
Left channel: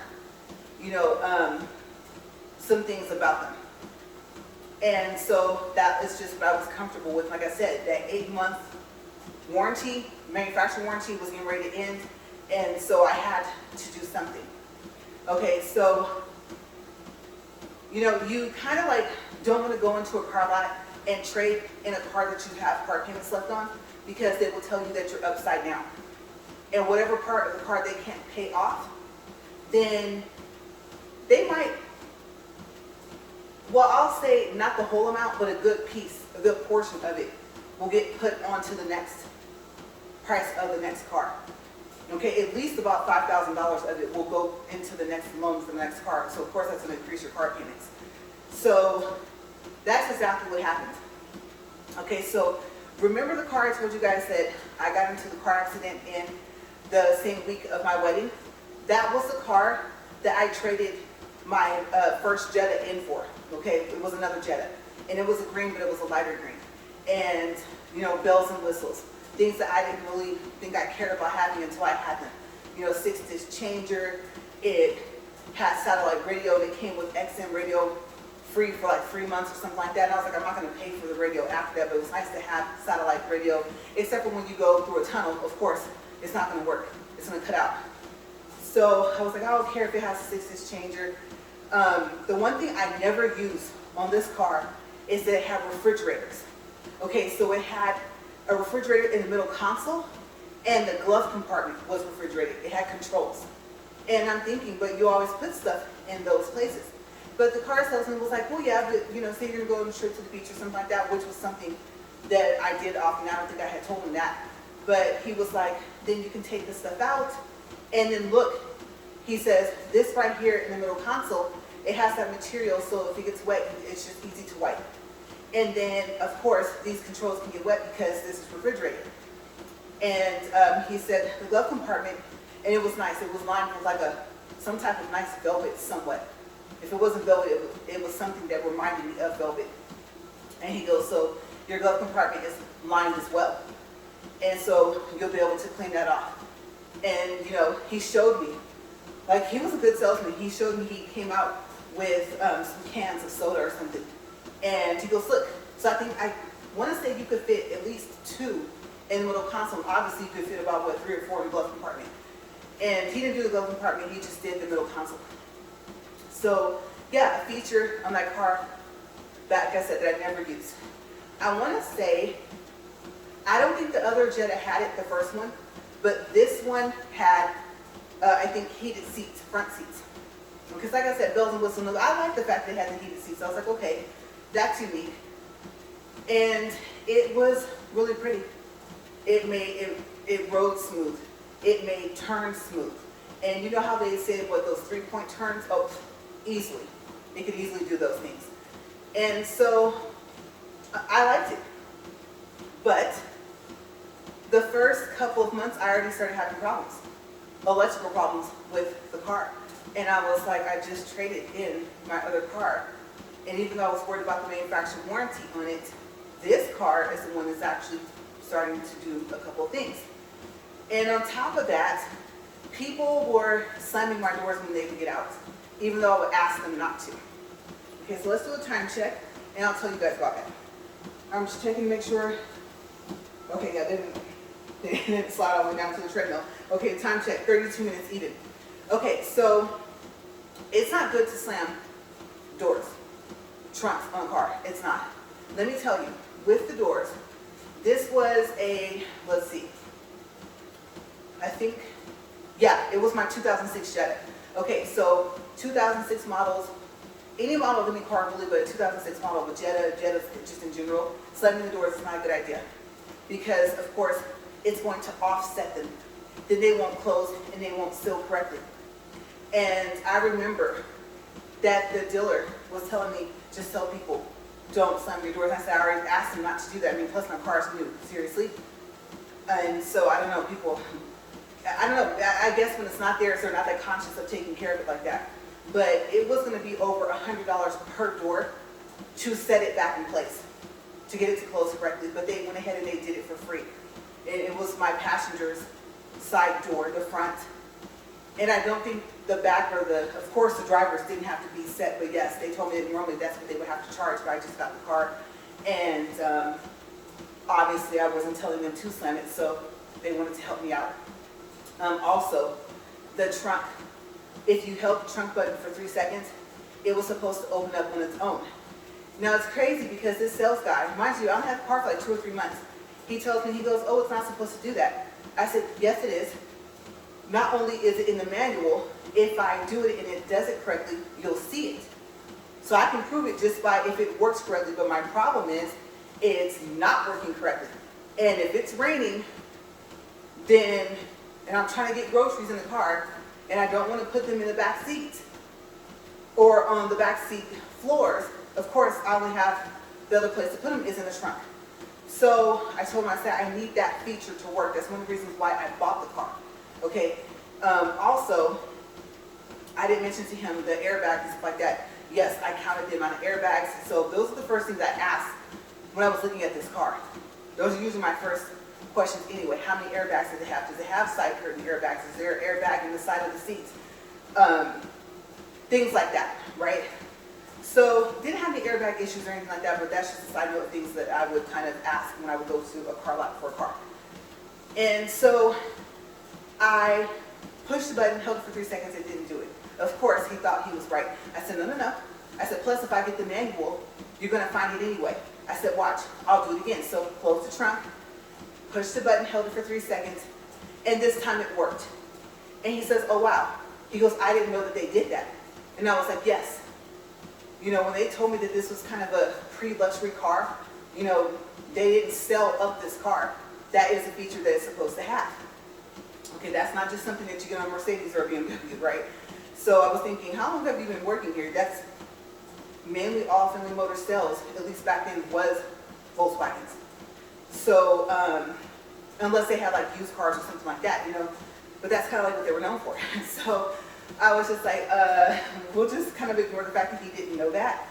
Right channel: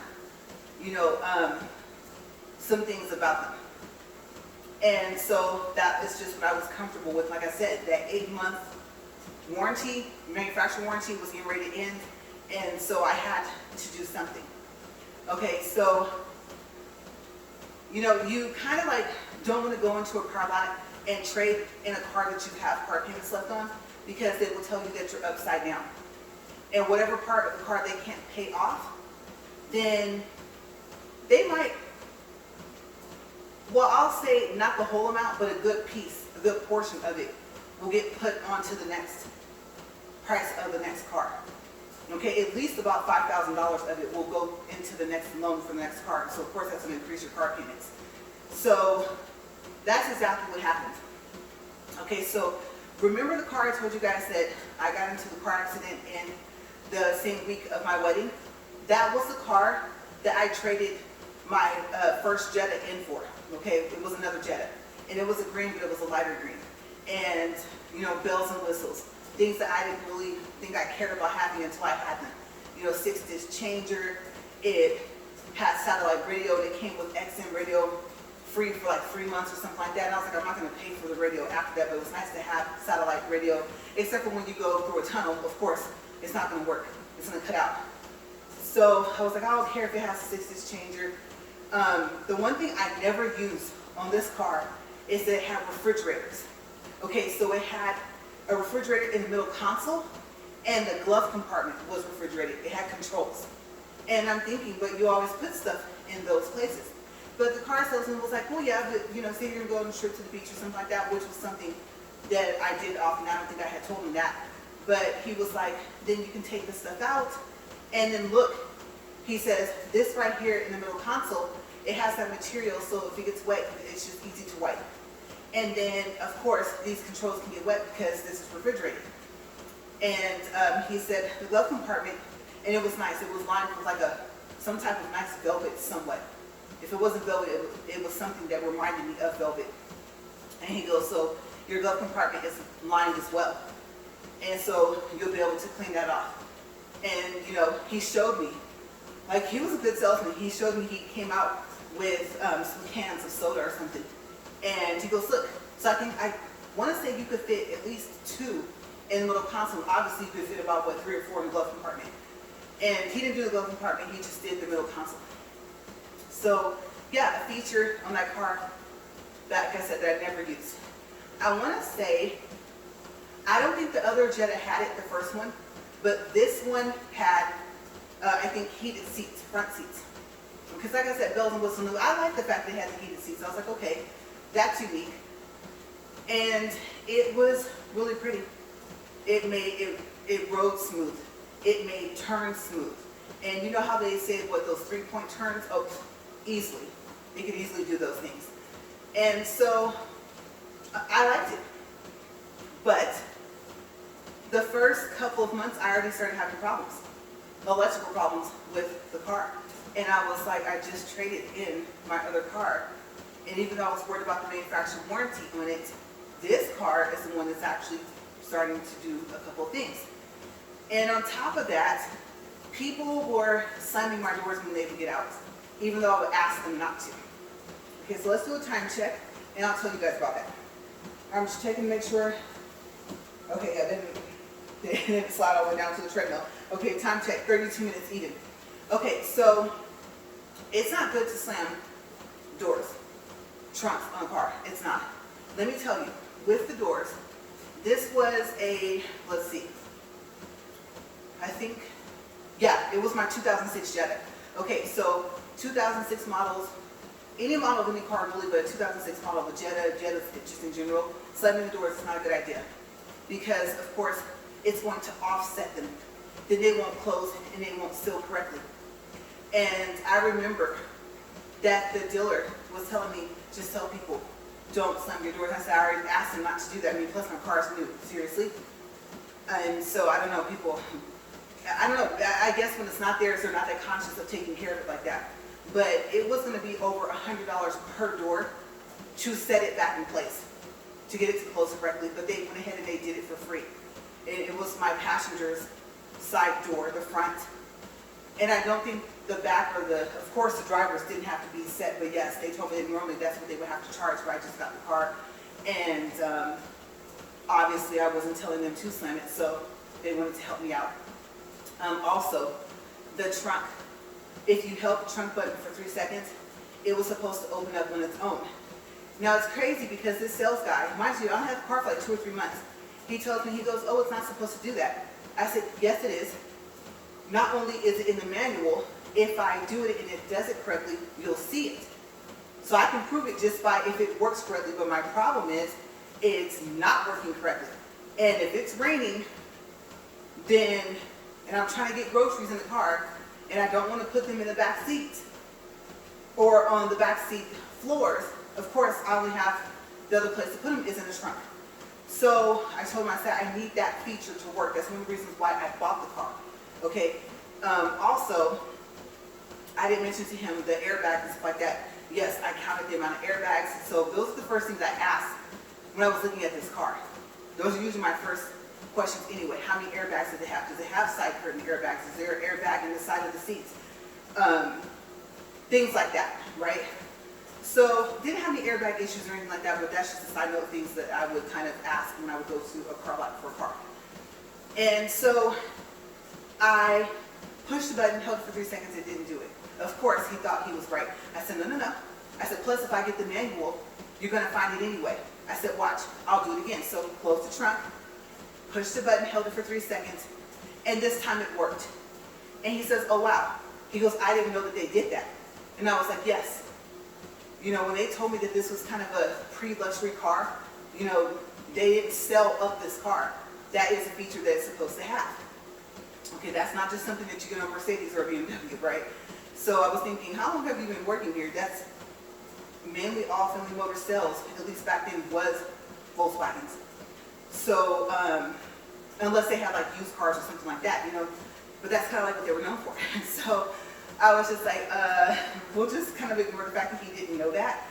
you know, some things about them. And so that is just what I was comfortable with. Like I said, that 8-month warranty, manufacturer warranty was getting ready to end. And so I had to do something. Okay, so, you know, you kind of like don't want to go into a car lot and trade in a car that you have car payments left on, because they will tell you that you're upside down. And whatever part of the car they can't pay off, then they might, well, I'll say not the whole amount, but a good piece, a good portion of it will get put onto the next price of the next car. Okay, at least about $5,000 of it will go into the next loan for the next car. So of course that's going to increase your car payments. So that's exactly what happened. Okay, so remember the car I told you guys that I got into the car accident in the same week of my wedding? That was the car that I traded my first Jetta in for. Okay, it was another Jetta, and it was a green, but it was a lighter green. And you know, bells and whistles, things that I didn't really think I cared about having until I had them. You know, 6-disc changer. It had satellite radio. It came with XM radio free for like 3 months or something like that. And I was like, I'm not going to pay for the radio after that, but it was nice to have satellite radio, except for when you go through a tunnel. Of course, it's not going to work. It's going to cut out. So I was like, I don't care if it has a 6-disc changer. The one thing I never use on this car is that it had refrigerators. Okay, so it had a refrigerator in the middle console, and the glove compartment was refrigerated. It had controls. And I'm thinking, but you always put stuff in those places. But the car salesman was like, well, yeah, but, you know, say you're going on a trip to the beach or something like that, which was something that I did often. I don't think I had told him that. But he was like, then you can take this stuff out, and then look, he says, this right here in the middle console, it has that material, so if it gets wet, it's just easy to wipe. And then, of course, these controls can get wet because this is refrigerated. And he said the glove compartment, and it was nice. It was lined with like some type of nice velvet somewhat. If it wasn't velvet, it was something that reminded me of velvet. And he goes, so your glove compartment is lined as well. And so you'll be able to clean that off. And, you know, he showed me, like, he was a good salesman. He showed me, he came out with some cans of soda or something. And he goes, look, so I want to say you could fit at least 2 in the middle console. Obviously, you could fit about, what, 3 or 4 in the glove compartment. And he didn't do the glove compartment, he just did the middle console. So, yeah, a feature on that car, like I said, that I never used. I want to say, I don't think the other Jetta had it, the first one, but this one had, I think, heated seats, front seats. Because like I said, bells and whistles, I like the fact they had the heated seats. I was like, okay, that's unique. And it was really pretty. It rode smooth. It made turns smooth. And you know how they say, what, those 3-point turns? Oh, easily. It could easily do those things. And so I liked it. But the first couple of months, I already started having problems, electrical problems with the car. And I was like, I just traded in my other car. And even though I was worried about the manufacturer warranty on it, this car is the one that's actually starting to do a couple of things. And on top of that, people were slamming my doors when they could get out, even though I would ask them not to. Okay, so let's do a time check, and I'll tell you guys about that. I'm just checking to make sure. Okay, yeah, didn't slide all the way down to the treadmill. Okay, time check, 32 minutes even. Okay, so it's not good to slam doors, trunks on a car. It's not. Let me tell you, with the doors, this was a, let's see, I think, yeah, it was my 2006 Jetta. Okay, so 2006 models, any model of any car really, but a 2006 model of a Jetta just in general, slamming the doors is not a good idea. Because, of course, it's going to offset them. Then they won't close and they won't seal correctly. And I remember that the dealer was telling me, just tell people, don't slam your doors. And I said, I already asked them not to do that. I mean, plus my car is new, seriously. And so, I don't know, people, I don't know, I guess when it's not theirs, they're not that conscious of taking care of it like that. But it was going to be over $100 per door to set it back in place, to get it to close correctly. But they went ahead and they did it for free. And it was my passenger's side door, the front. And I don't think the back or of course the drivers didn't have to be set, but yes, they told me that normally that's what they would have to charge, but I just got the car. And obviously I wasn't telling them to slam it, so they wanted to help me out. Also, the trunk, if you held the trunk button for 3 seconds, it was supposed to open up on its own. Now it's crazy because this sales guy, mind you, I don't have the car for like 2 or 3 months. He tells me, he goes, oh, it's not supposed to do that. I said, yes, it is. Not only is it in the manual, if I do it and it does it correctly, you'll see it. So I can prove it just by if it works correctly, but my problem is it's not working correctly. And if it's raining, then, and I'm trying to get groceries in the car, and I don't want to put them in the back seat or on the back seat floors, of course, I only have the other place to put them is in the trunk. So I told him, I said, I need that feature to work. That's one of the reasons why I bought the car. Okay. Also, I didn't mention to him the airbags and stuff like that. Yes, I counted them on the airbags. So those are the first things I asked when I was looking at this car. Those are usually my first questions anyway. How many airbags does it have? Does it have side curtain airbags? Is there an airbag in the side of the seats? Things like that, right? So didn't have any airbag issues or anything like that, but that's just a side note of things that I would kind of ask when I would go to a car lot for a car. And so I pushed the button, held it for 3 seconds, and didn't do it. Of course, he thought he was right. I said, no, no, no. I said, plus if I get the manual, you're going to find it anyway. I said, watch, I'll do it again. So close the trunk, pushed the button, held it for 3 seconds, and this time it worked. And he says, oh, wow. He goes, I didn't know that they did that. And I was like, yes. You know, when they told me that this was kind of a pre-luxury car, you know, they didn't sell up this car. That is a feature that it's supposed to have. Okay, that's not just something that you get on a Mercedes or a BMW, right? So I was thinking, how long have you been working here? That's mainly all Family Motor sales, at least back then, was Volkswagens. So, unless they had like used cars or something like that, you know, but that's kind of like what they were known for. So I was just like, we'll just kind of ignore the fact that he didn't know that.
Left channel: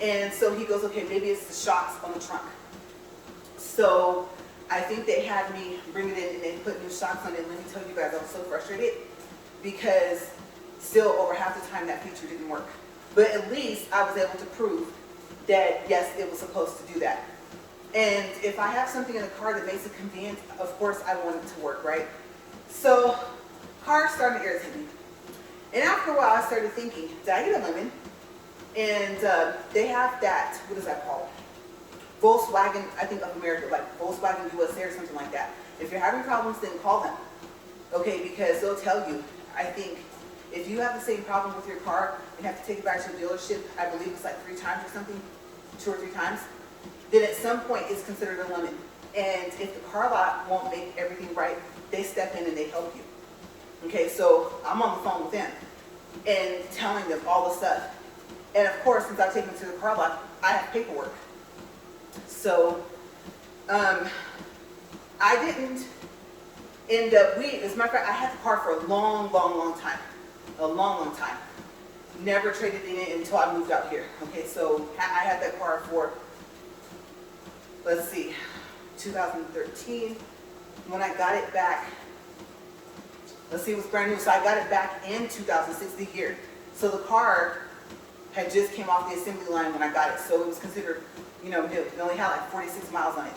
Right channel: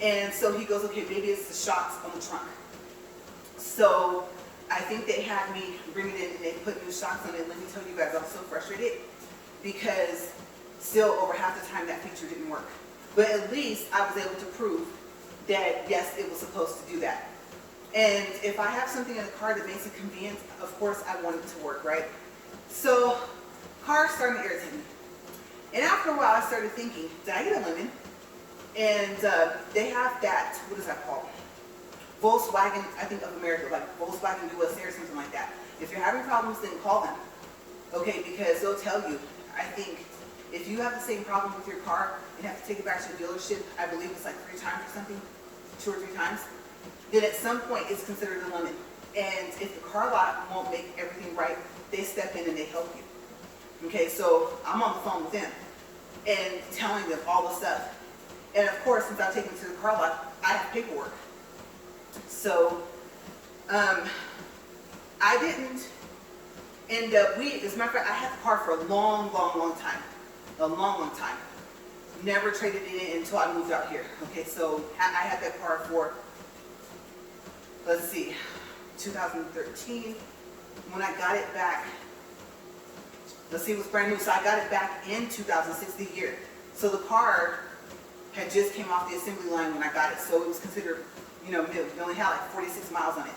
And so he goes, okay, maybe it's the shocks on the trunk. So I think they had me bring it in and they put new shocks on it. Let me tell you guys, I was so frustrated because still over half the time that feature didn't work. But at least I was able to prove that, yes, it was supposed to do that. And if I have something in the car that makes it convenient, of course I want it to work, right? So cars started to irritate me. And after a while I started thinking, did I get a lemon? And they have that, what is that called? Volkswagen, I think of America, like Volkswagen USA or something like that. If you're having problems, then call them. Okay, because they'll tell you, I think, if you have the same problem with your car and have to take it back to the dealership, I believe it's like 3 times or something, 2 or 3 times, then at some point it's considered a lemon. And if the car lot won't make everything right, they step in and they help you. Okay, so I'm on the phone with them and telling them all the stuff. And of course, since I've taken it to the car lot, I have paperwork. So, I didn't end up, as a matter of fact, I had the car for a long, long, long time. A long, long time. Never traded it in until I moved out here. Okay, so I had that car for, let's see, 2013. When I got it back, let's see, it was brand new. So I got it back in 2006, the year. So the car had just came off the assembly line when I got it. So it was considered, you know, new. It only had like 46 miles on it.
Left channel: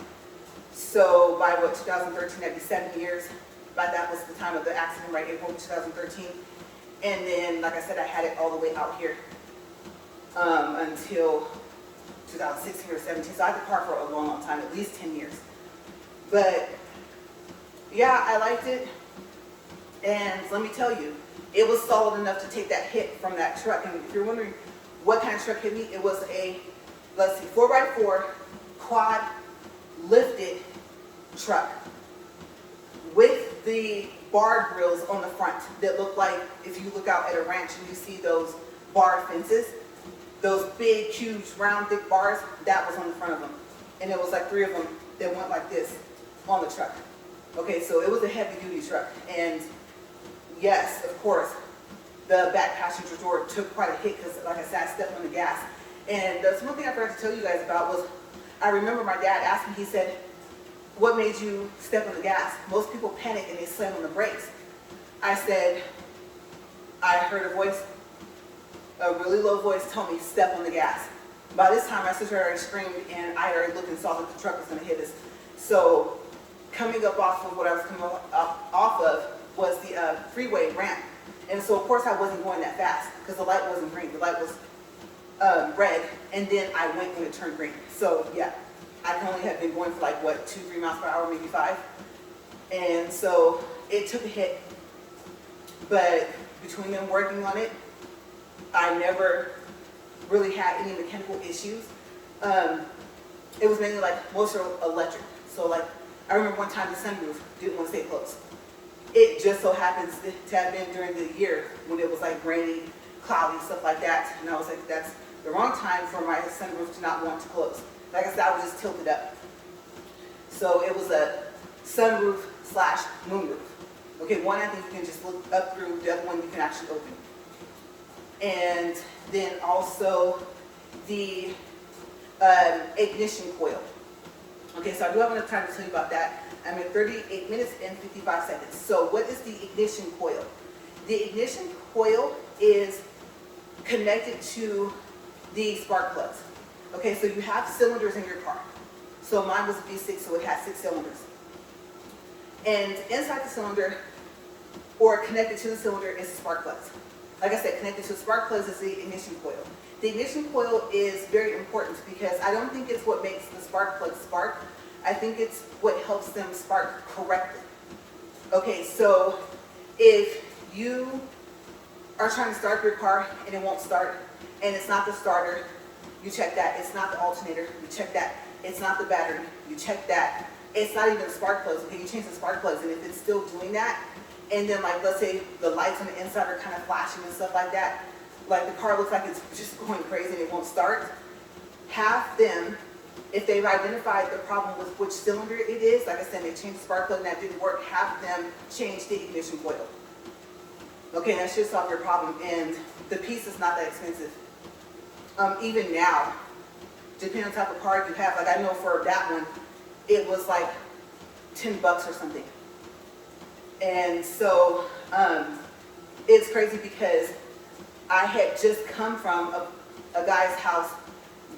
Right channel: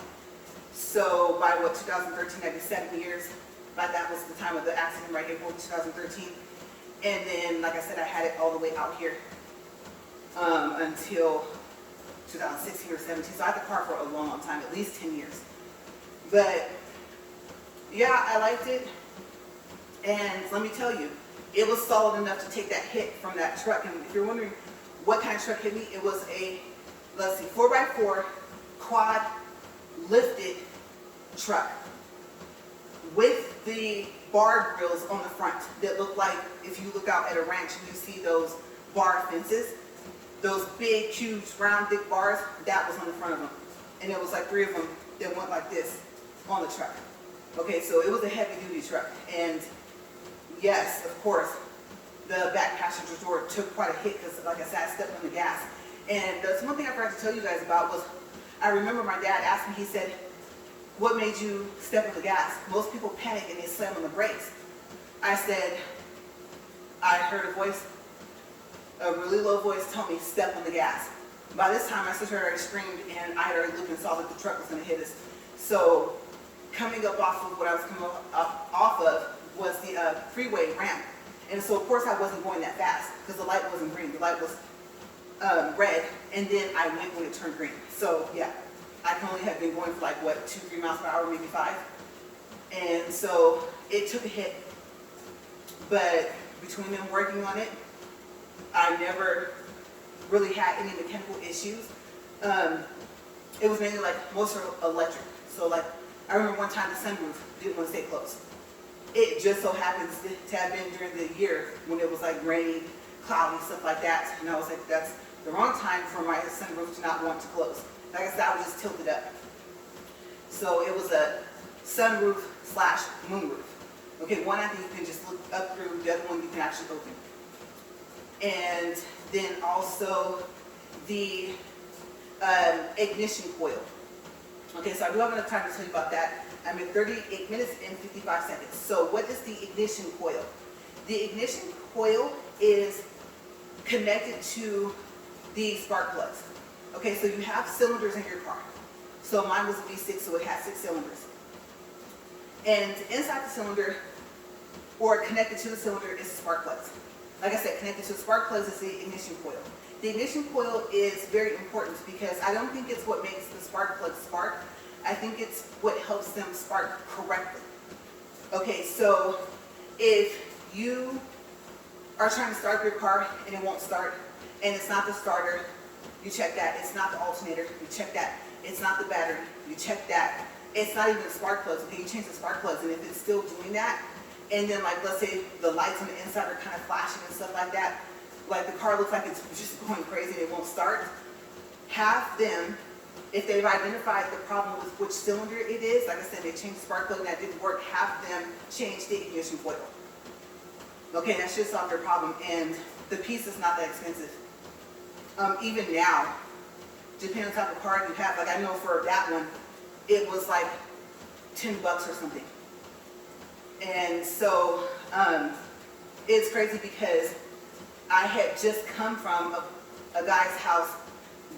So by what, 2013, that'd be 7 years. But that was the time of the accident, right, April 2013. And then, like I said, I had it all the way out here until 2016 or 17. So I had the car for a long, long time, at least 10 years. But yeah, I liked it. And let me tell you, it was solid enough to take that hit from that truck. And if you're wondering what kind of truck hit me, it was a, let's see, 4x4 quad lifted truck with the bar grills on the front that look like, if you look out at a ranch and you see those bar fences, those big, huge, round, thick bars, that was on the front of them. And there was like 3 of them that went like this on the truck. Okay, so it was a heavy-duty truck. And yes, of course, the back passenger door took quite a hit because, like I said, I stepped on the gas. And that's one thing I forgot to tell you guys about was, I remember my dad asked me, he said, what made you step on the gas? Most people panic and they slam on the brakes. I said, I heard a voice, a really low voice tell me, step on the gas. By this time, my sister already screamed and I already looked and saw that the truck was going to hit us. So coming up off of what I was coming off of was the freeway ramp. And so, of course, I wasn't going that fast because the light wasn't green. The light was red, and then I went when it turned green. So yeah, I can only have been going for like what, 2-3 miles per hour, maybe 5. And so it took a hit, but between them working on it, I never really had any mechanical issues. It was mainly like most are electric. So like I remember one time the sunroof didn't want to stay closed. It just so happens to have been during the year when it was like rainy, cloudy, stuff like that. And I was like, that's the wrong time for my sunroof to not want to close. Like I said, I was just tilted up. So it was a sunroof slash moonroof. Okay, one I think you can just look up through, the other one you can actually open. And then also the ignition coil. Okay, so I do have enough time to tell you about that. I'm at 38 minutes and 55 seconds. So what is the ignition coil? The ignition coil is connected to the spark plugs. Okay, so you have cylinders in your car. So mine was a V6, so it has 6 cylinders. And inside the cylinder, or connected to the cylinder, is the spark plugs. Like I said, connected to the spark plugs is the ignition coil. The ignition coil is very important because I don't think it's what makes the spark plugs spark. I think it's what helps them spark correctly. Okay, so if you are trying to start your car and it won't start, and it's not the starter, you check that. It's not the alternator, you check that. It's not the battery, you check that. It's not even the spark plugs. Okay, you change the spark plugs, and if it's still doing that, and then like let's say the lights on the inside are kind of flashing and stuff like that, like the car looks like it's just going crazy and it won't start, have them, if they've identified the problem with which cylinder it is, like I said, they changed the spark plug and that didn't work, have them change the ignition coil. Okay, that should solve your problem, and the piece is not that expensive. Even now, depending on the type of car you have, like I know for that one, it was like $10 or something. And so it's crazy because I had just come from a guy's house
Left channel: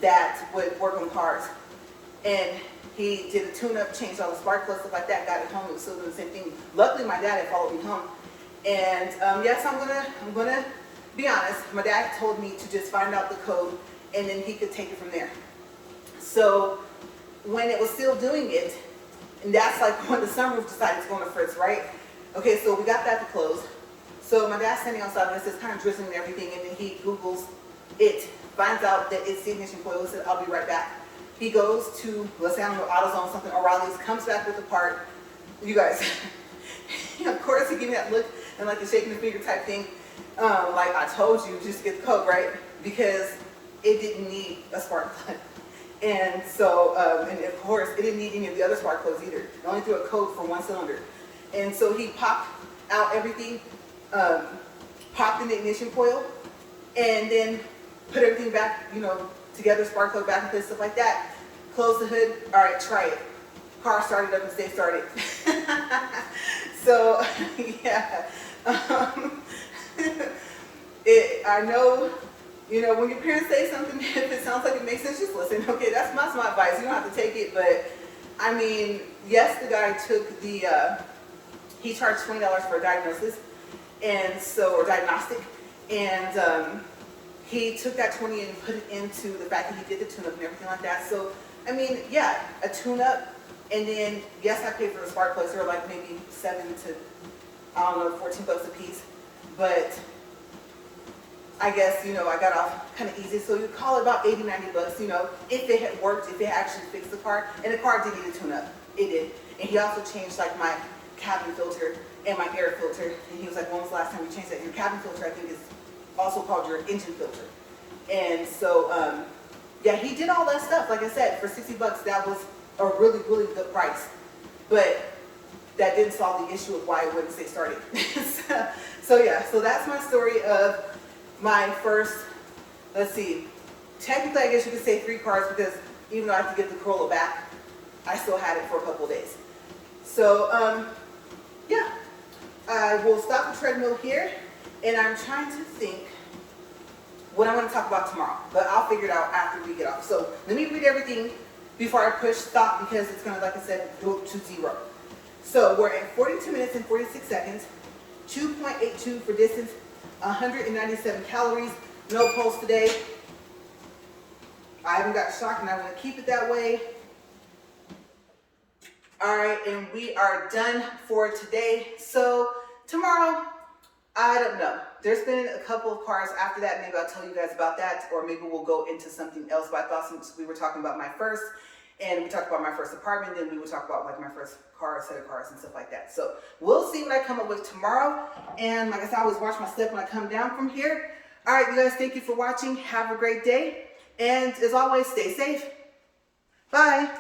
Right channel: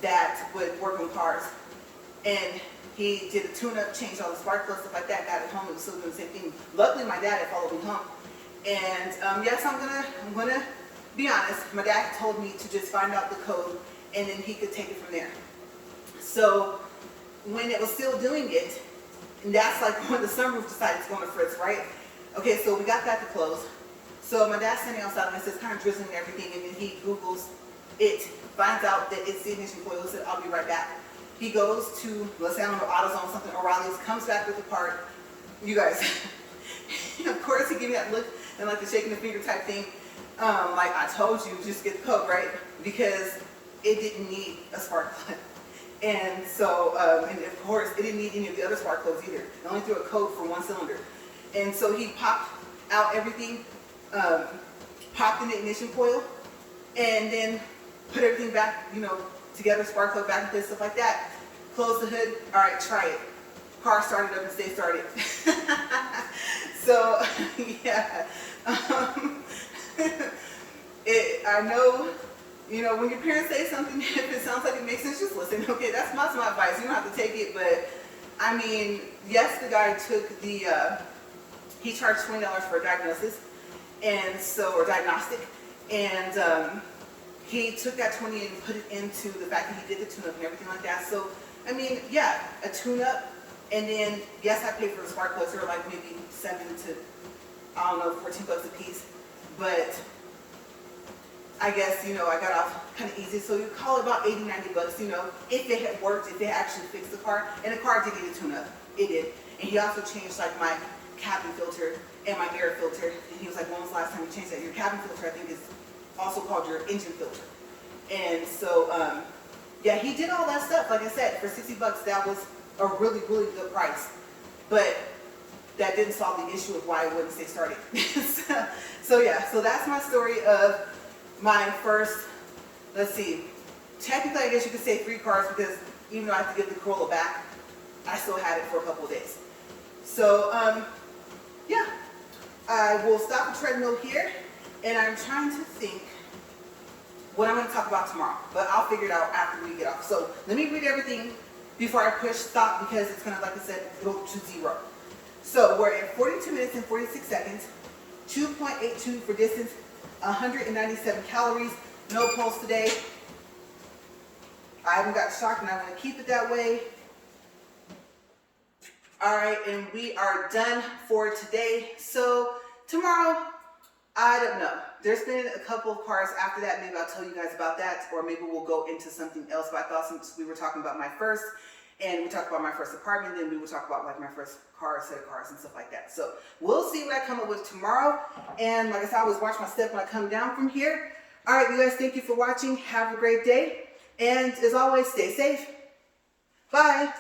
that would work on cars, and he did a tune-up, changed all the spark plugs, stuff like that, got it home and still doing the same thing. Luckily my dad had followed me home, and yes, I'm gonna be honest, my dad told me to just find out the code and then he could take it from there. So when it was still doing it, and that's like when the sunroof decided it's going to fritz, right? Okay, so we got that to close. So my dad's standing outside and it's kind of drizzling and everything, and then he Googles it, finds out that it's the ignition coil, said, I'll be right back. He goes to, let's say, I don't know, AutoZone, something, O'Reilly's, comes back with the part. You guys, of course, he gave me that look and like the shaking the finger type thing. Like I told you, just get the code, right? Because it didn't need a spark plug. And so, and of course, it didn't need any of the other spark plugs either. It only threw a code for one cylinder. And so he popped out everything, popped in the ignition coil, and then put everything back, you know, together, spark plug back in place, stuff like that. Close the hood. All right, try it. Car started up and stayed started. So, yeah. I know, you know, when your parents say something, if it sounds like it makes sense, just listen. Okay, that's my advice. You don't have to take it, but I mean, yes, the guy took the, he charged $20 for a diagnosis, and so, or diagnostic, and he took that 20 and put it into the fact that he did the tune-up and everything like that. So, I mean, yeah, a tune-up, and then, yes, I paid for the spark plugs. They were like maybe 7 to, I don't know, $14 a piece, but I guess, you know, I got off kind of easy. So you call it about $80, $90, you know, if it had worked, if it actually fixed the car. And the car did need a tune-up. It did. And he also changed like my cabin filter and my air filter. And he was like, when was the last time you changed that? Your cabin filter, I think, is also called your engine filter. And so, yeah, he did all that stuff. Like I said, for $60, that was a really, really good price. But that didn't solve the issue of why it wouldn't stay started. So yeah, so that's my story of my first, let's see, technically I guess you could say 3 cars, because even though I have to give the Corolla back, I still had it for a couple of days. So, yeah, I will stop the treadmill here, and I'm trying to think what I'm going to talk about tomorrow, but I'll figure it out after we get off. So let me read everything before I push stop, because it's going to, like I said, go to 0. So we're at 42 minutes and 46 seconds, 2.82 for distance, 197 calories, no pulse today, I haven't got shocked and I want to keep it that way. All right, and we are done for today. So tomorrow, I don't know. There's been a couple of cars after that. Maybe I'll tell you guys about that, or maybe we'll go into something else. But I thought since we were talking about my first, and we talked about my first apartment, then we would talk about like my first car, set of cars and stuff like that. So we'll see what I come up with tomorrow. And like I said, I always watch my step when I come down from here. All right, you guys, thank you for watching. Have a great day. And as always, stay safe. Bye.